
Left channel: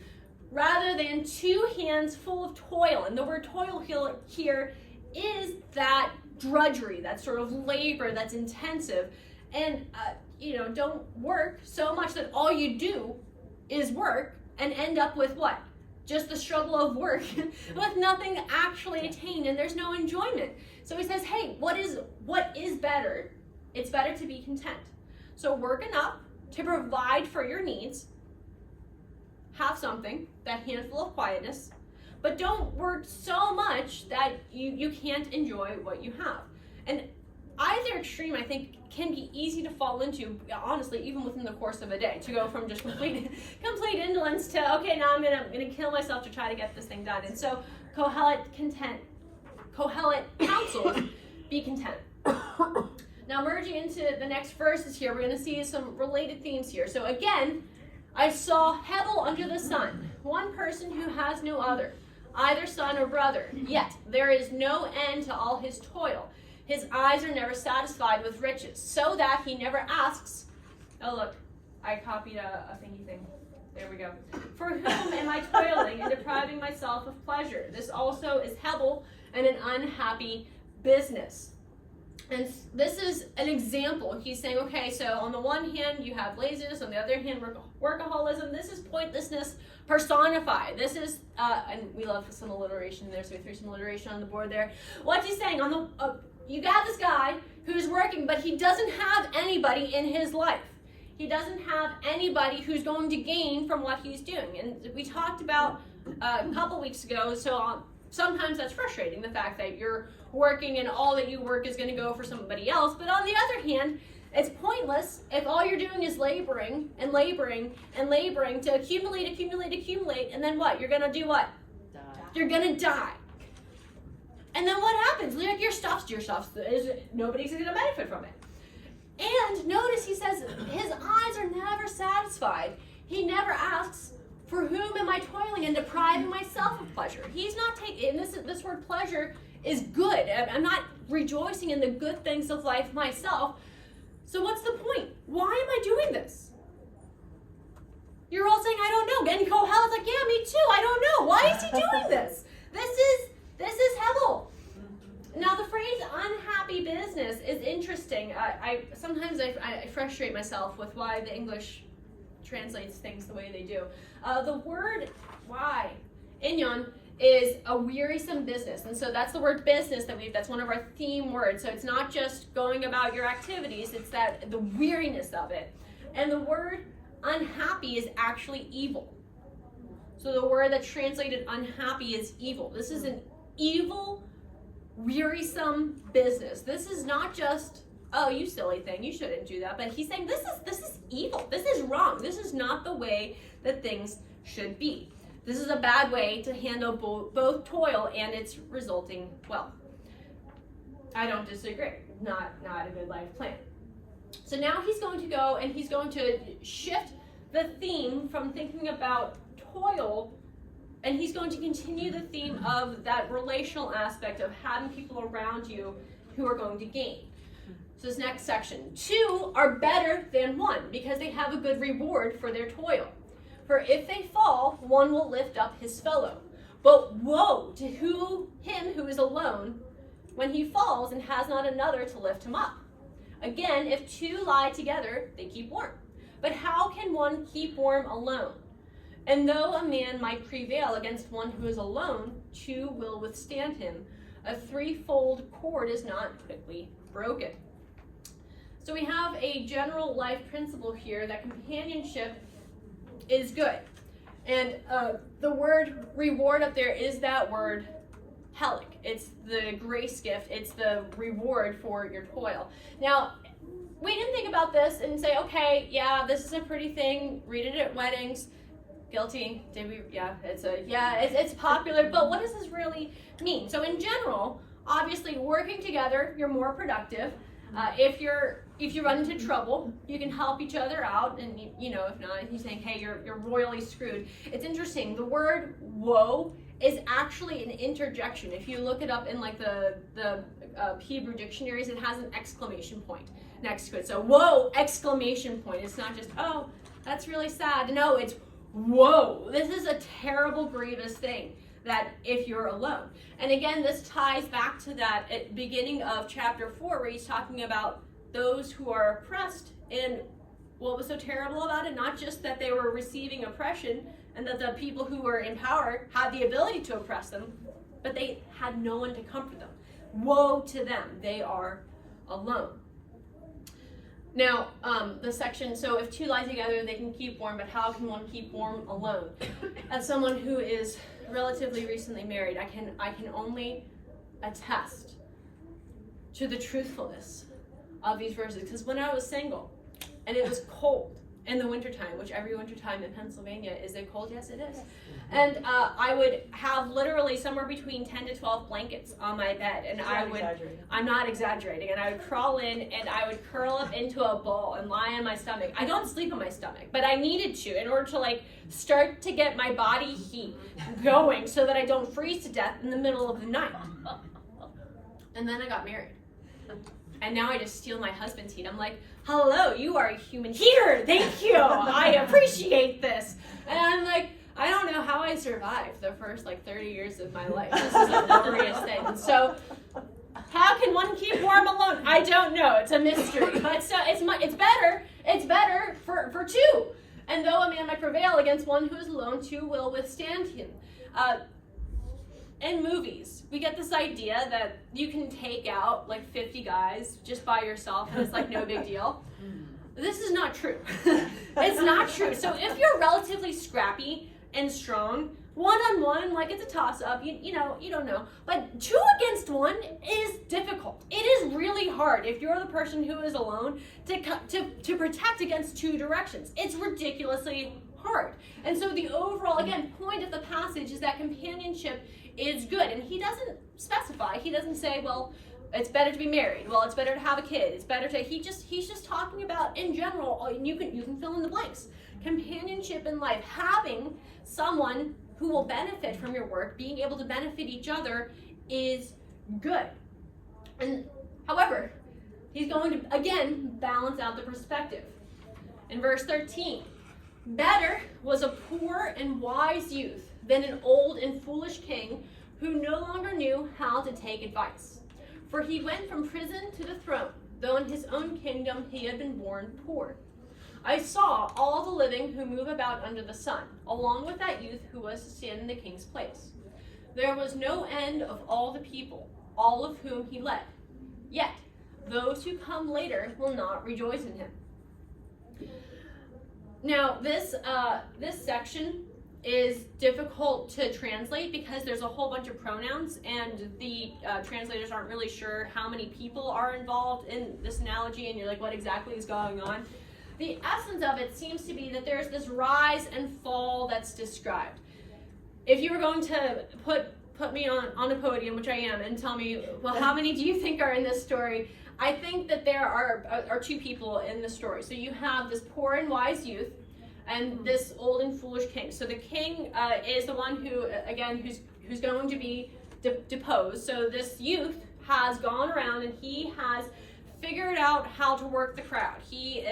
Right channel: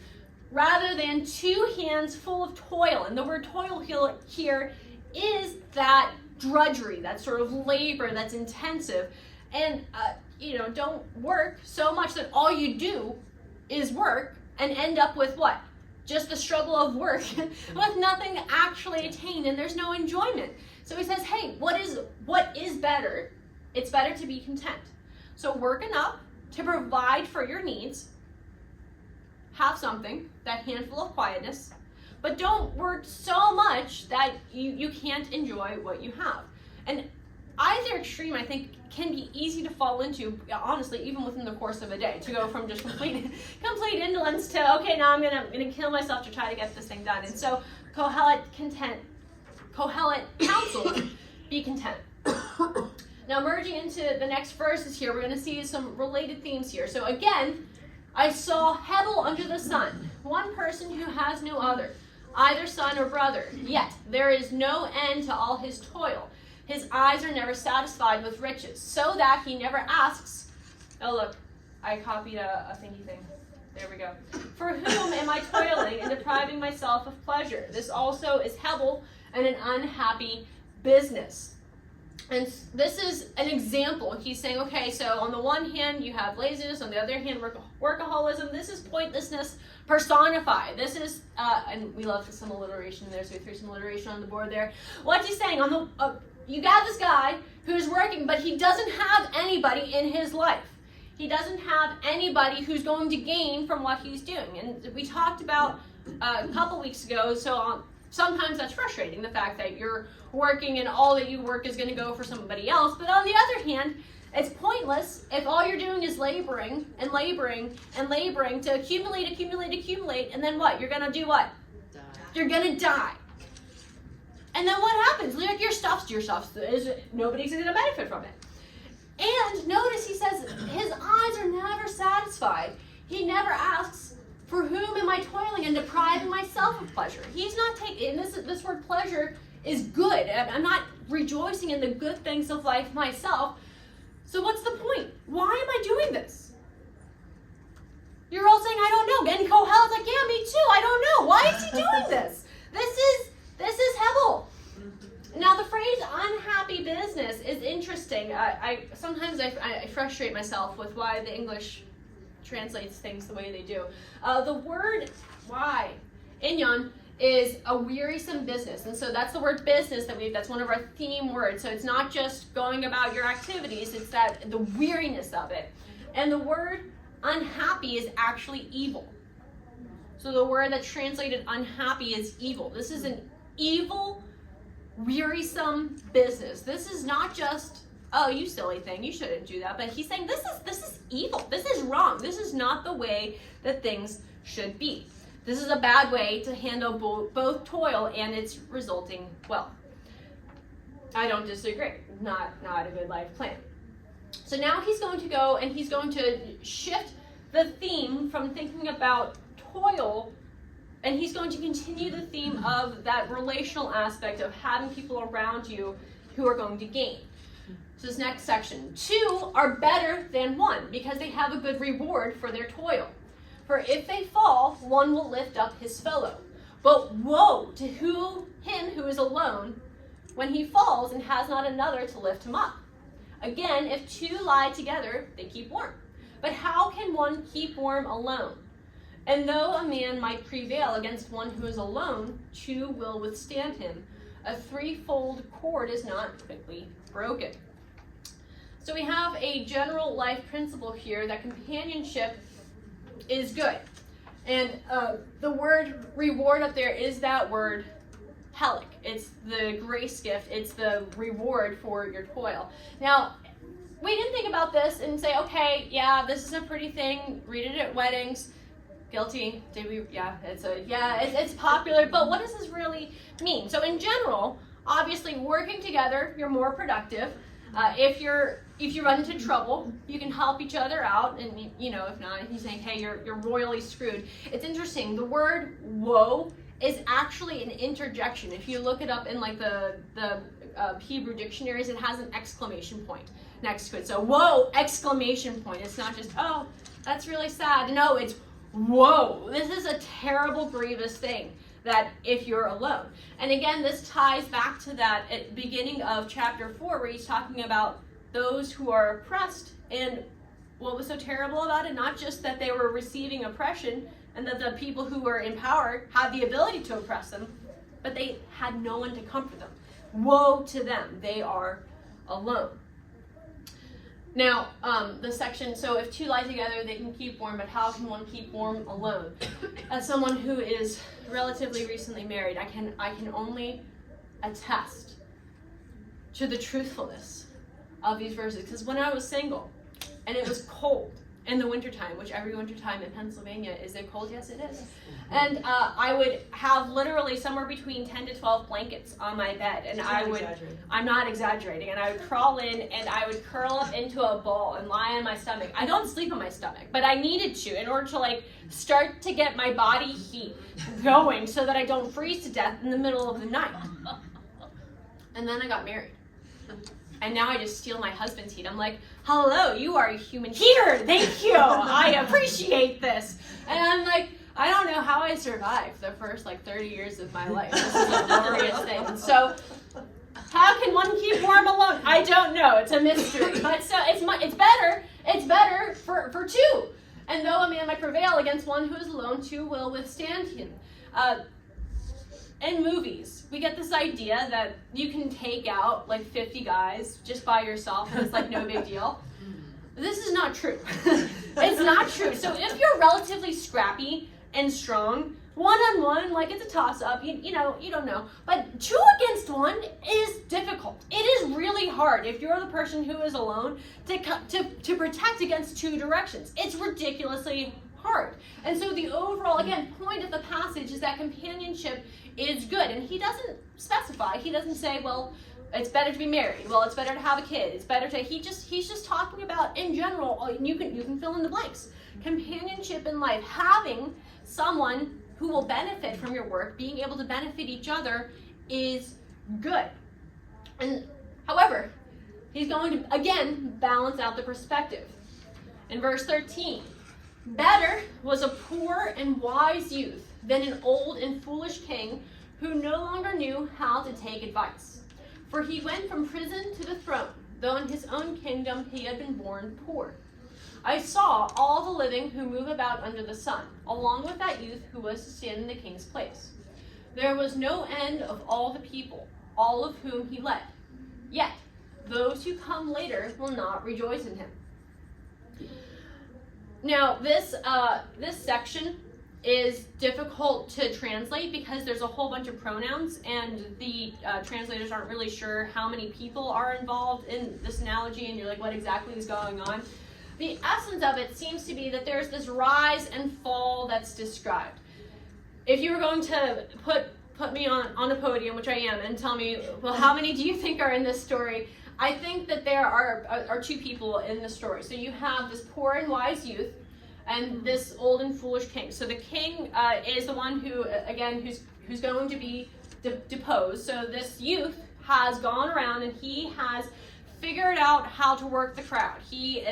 rather than 2 hands full of toil. And the word toil here is that drudgery, that sort of labor that's intensive. And don't work so much that all you do is work and end up with what? Just the struggle of work with nothing actually attained, and there's no enjoyment. So he says, hey, what is better? It's better to be content. So work enough to provide for your needs, have something, that handful of quietness, but don't work so much that you can't enjoy what you have. And either extreme, I think, can be easy to fall into, honestly, even within the course of a day, to go from just complete indolence to, okay, now I'm gonna kill myself to try to get this thing done. And so Kohelet counsels, be content. Now merging into the next verses here, we're gonna see some related themes here. So again, I saw Hevel under the sun, one person who has no other, either son or brother, yet there is no end to all his toil. His eyes are never satisfied with riches, so that he never asks. Oh, look, I copied a thingy thing. There we go. For whom am I toiling and depriving myself of pleasure? This also is Hevel and an unhappy business. And this is an example. He's saying, okay, so on the one hand, you have laziness. On the other hand, workaholism. This is pointlessness personified. This is, and we love some alliteration there, so we threw some alliteration on the board there. What's he saying? You got this guy who's working, but he doesn't have anybody in his life. He doesn't have anybody who's going to gain from what he's doing. And we talked about a couple weeks ago, so sometimes that's frustrating, the fact that you're working and all that you work is going to go for somebody else. But on the other hand, it's pointless if all you're doing is laboring and laboring and laboring to accumulate, and then what? You're going to do what? You're gonna die. And then what happens? Like your stuff is nobody's gonna benefit from it. And notice he says his eyes are never satisfied. He never asks, for whom am I toiling and depriving myself of pleasure? He's not taking, this word pleasure is good. I'm not rejoicing in the good things of life myself. So what's the point? Why am I doing this? You're all saying, I don't know. And Kohelet's like, yeah, me too. I don't know. Why is he doing this? This is Hebel. Now the phrase unhappy business is interesting. Sometimes I frustrate myself with why the English translates things the way they do. The word why, inyon, is a wearisome business. And so that's the word business that's one of our theme words. So it's not just going about your activities, it's the weariness of it. And the word unhappy is actually evil. So the word that's translated unhappy is evil. This is an evil, wearisome business. This is not just, oh, you silly thing, you shouldn't do that. But he's saying this is evil. This is wrong. This is not the way that things should be. This is a bad way to handle both toil and its resulting wealth. I don't disagree. Not a good life plan. So now he's going to go and he's going to shift the theme from thinking about toil, and he's going to continue the theme of that relational aspect of having people around you who are going to gain. So this next section, 2 are better than 1 because they have a good reward for their toil. For if they fall, one will lift up his fellow. But woe to him who is alone when he falls and has not another to lift him up. Again, if 2 lie together, they keep warm. But how can one keep warm alone? And though a man might prevail against one who is alone, 2 will withstand him. A threefold cord is not quickly broken. So we have a general life principle here that companionship is good. And the word reward up there is that word helic. It's the grace gift. It's the reward for your toil. Now, we can think about this and say, okay, yeah, this is a pretty thing. Read it at weddings. Guilty. Did we? Yeah, it's popular. But what does this really mean? So in general, obviously, working together, you're more productive. If you run into trouble, you can help each other out, and if not, he's saying, hey, you're royally screwed. It's interesting. The word woe is actually an interjection. If you look it up in like the Hebrew dictionaries, it has an exclamation point next to it. So woe, exclamation point. It's not just, oh, that's really sad. No, it's whoa. This is a terrible, grievous thing. That if you're alone. And again, this ties back to that at beginning of chapter 4 where he's talking about those who are oppressed and what was so terrible about it, not just that they were receiving oppression and that the people who were in power had the ability to oppress them, but they had no one to comfort them. Woe to them, they are alone. Now, the section, so if 2 lie together, they can keep warm, but how can one keep warm alone? As someone who is relatively recently married, I can only attest to the truthfulness of these verses. Because when I was single, and it was cold in the wintertime, which every wintertime in Pennsylvania, is it cold? Yes, it is. And I would have literally somewhere between 10 to 12 blankets on my bed. And I'm not exaggerating. And I would crawl in and I would curl up into a ball and lie on my stomach. I don't sleep on my stomach, but I needed to in order to start to get my body heat going so that I don't freeze to death in the middle of the night. And then I got married. And now I just steal my husband's heat. I'm like, hello, you are a human heater. Thank you. I appreciate this. And I'm like, I don't know how I survived the first 30 years of my life. This is a glorious thing. And so how can one keep warm alone? I don't know. It's a mystery. But so it's better for 2. And though a man might prevail against one who is alone, 2 will withstand him. In movies, we get this idea that you can take out 50 guys just by yourself and it's no big deal. This is not true. It's not true. So if you're relatively scrappy and strong, one-on-one, it's a toss-up, you don't know. But 2 against 1 is difficult. It is really hard if you're the person who is alone to protect against 2 directions. It's ridiculously hard. And so the overall, again, point of the passage is that companionship is good. And he doesn't specify. He doesn't say, well, it's better to be married. Well, it's better to have a kid. It's better to, he's just talking about in general, you can fill in the blanks. Companionship in life, having someone who will benefit from your work, being able to benefit each other is good. And however, he's going to, again, balance out the perspective. In verse 13, better was a poor and wise youth than an old and foolish king who no longer knew how to take advice. For he went from prison to the throne, though in his own kingdom he had been born poor. I saw all the living who move about under the sun, along with that youth who was to stand in the king's place. There was no end of all the people, all of whom he led. Yet those who come later will not rejoice in him. Now, this section is difficult to translate because there's a whole bunch of pronouns, and the translators aren't really sure how many people are involved in this analogy, and you're like, what exactly is going on? The essence of it seems to be that there's this rise and fall that's described. If you were going to put me on the podium, which I am, and tell me, well, how many do you think are in this story? I think that there are two people in the story. So you have this poor and wise youth, and this old and foolish king. So the king is the one who, again, who's going to be deposed. So this youth has gone around and he has figured out how to work the crowd. He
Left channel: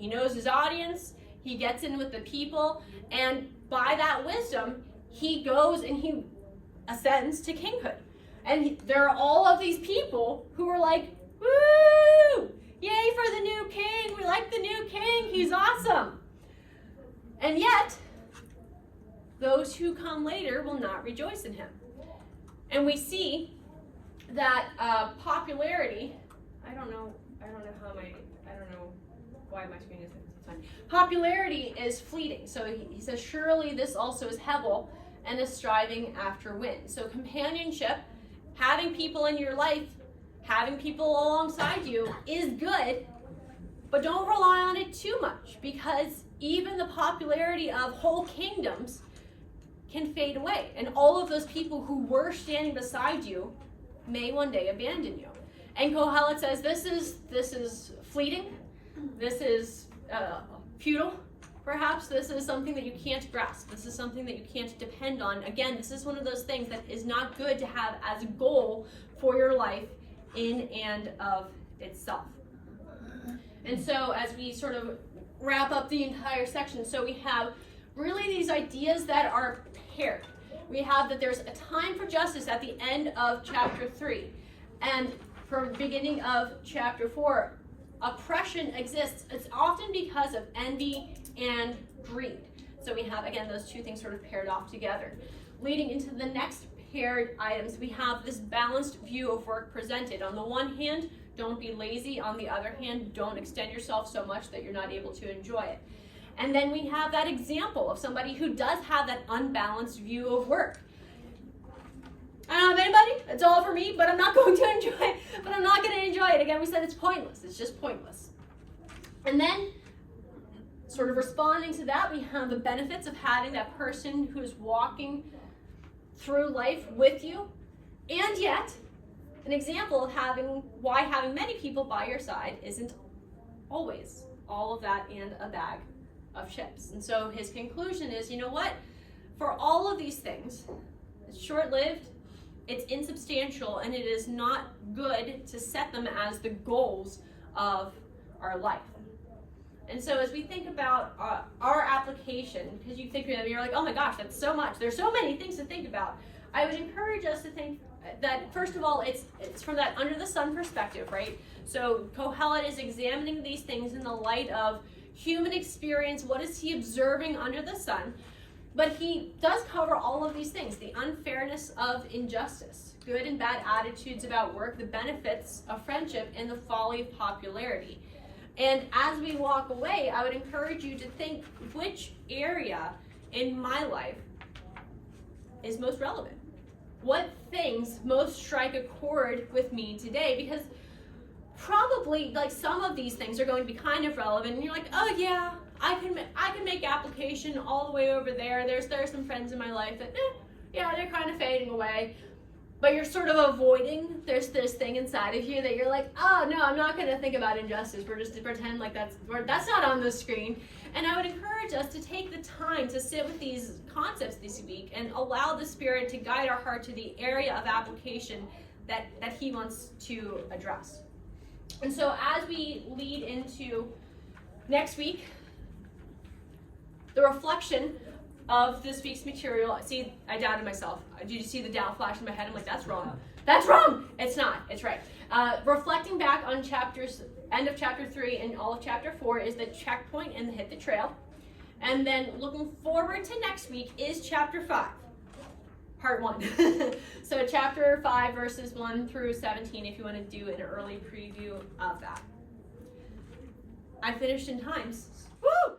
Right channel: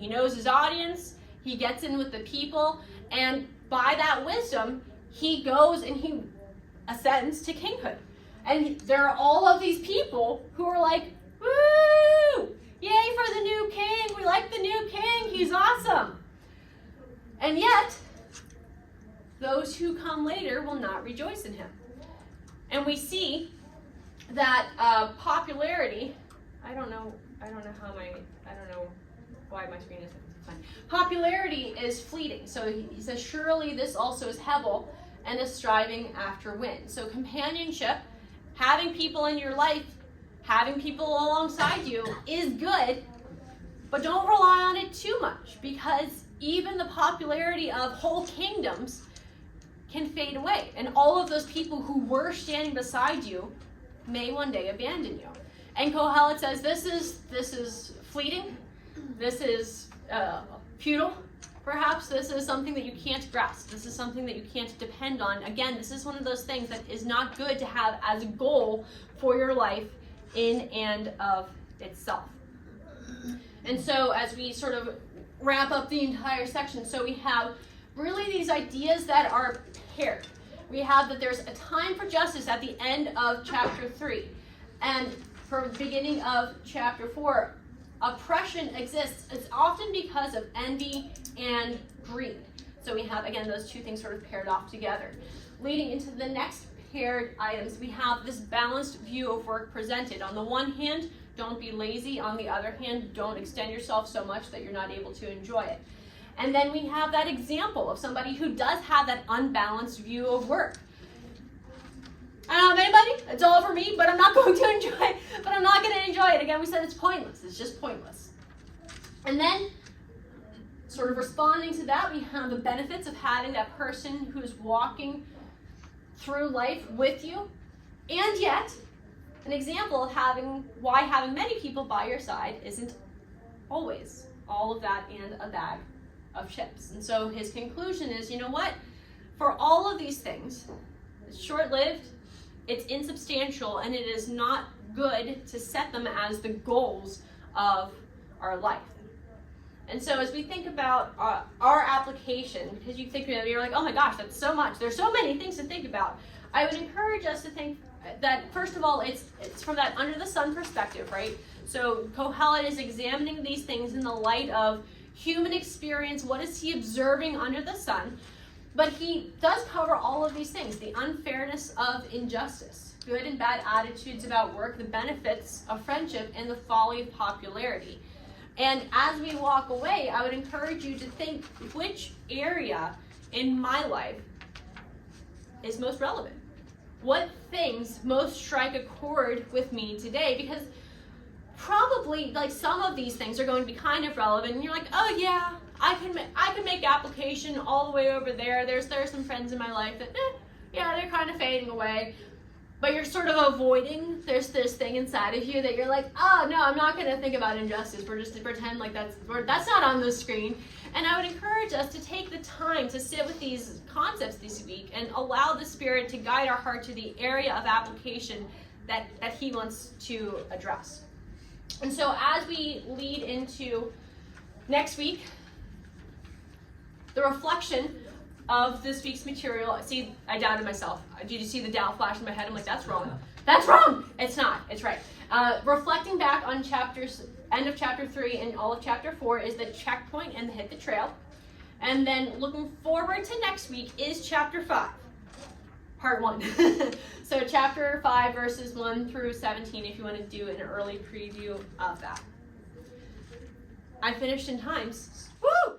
knows his audience. He gets in with the people, and by that wisdom, he goes and he ascends to kinghood. And there are all of these people who are like, woo! Yay for the new king! We like the new king. He's awesome. And yet, those who come later will not rejoice in him. And we see that popularity. I don't know why my screen isn't fine. Popularity is fleeting. So he says, surely this also is Hebel and is striving after wind. So companionship, having people in your life, having people alongside you is good, but don't rely on it too much, because even the popularity of whole kingdoms can fade away. And all of those people who were standing beside you may one day abandon you. And Kohelet says this is fleeting, this is futile, perhaps this is something that you can't grasp, this is something that you can't depend on. Again, this is one of those things that is not good to have as a goal for your life in and of itself. And so as we sort of wrap up the entire section, so we have really these ideas that are paired. We have that there's a time for justice at the end of chapter 3. And from the beginning of chapter 4, oppression exists. It's often because of envy and greed. So we have, again, those two things sort of paired off together. Leading into the next paired items, we have this balanced view of work presented. On the one hand, don't be lazy. On the other hand, don't extend yourself so much that you're not able to enjoy it. And then we have that example of somebody who does have that unbalanced view of work. I don't have anybody, it's all for me, but I'm not going to enjoy it. But I'm not going to enjoy it. Again, we said it's pointless. It's just pointless. And then, sort of responding to that, we have the benefits of having that person who's walking through life with you. And yet, an example of why having many people by your side isn't always all of that and a bag of chips. And so his conclusion is, you know what? For all of these things, it's short-lived, it's insubstantial, and it is not good to set them as the goals of our life. And so as we think about our application, because you think of it, you're like, oh my gosh, that's so much. There's so many things to think about. I would encourage us to think that, first of all, it's from that under the sun perspective, right? So Kohelet is examining these things in the light of human experience. What is he observing under the sun? But he does cover all of these things: the unfairness of injustice, good and bad attitudes about work, the benefits of friendship, and the folly of popularity. And as we walk away, I would encourage you to think, which area in my life is most relevant? What things most strike a chord with me today? Because probably, like, some of these things are going to be kind of relevant, and you're like, oh yeah, I can make application all the way over there. There are some friends in my life that yeah, they're kind of fading away. But you're sort of avoiding, there's this thing inside of you that you're like, oh no, I'm not gonna think about injustice. We're just to pretend like that's not on the screen. And I would encourage us to take the time to sit with these concepts this week and allow the Spirit to guide our heart to the area of application that He wants to address. And so as we lead into next week, the reflection of this week's material, see, I doubted myself. Did you see the doubt flash in my head? I'm like, that's wrong. That's wrong! It's not. It's right. Reflecting back on end of chapter 3 and all of chapter 4 is the checkpoint and the hit the trail. And then looking forward to next week is chapter 5, part 1. So chapter 5, verses 1 through 17, if you want to do an early preview of that. I finished in times. Woo!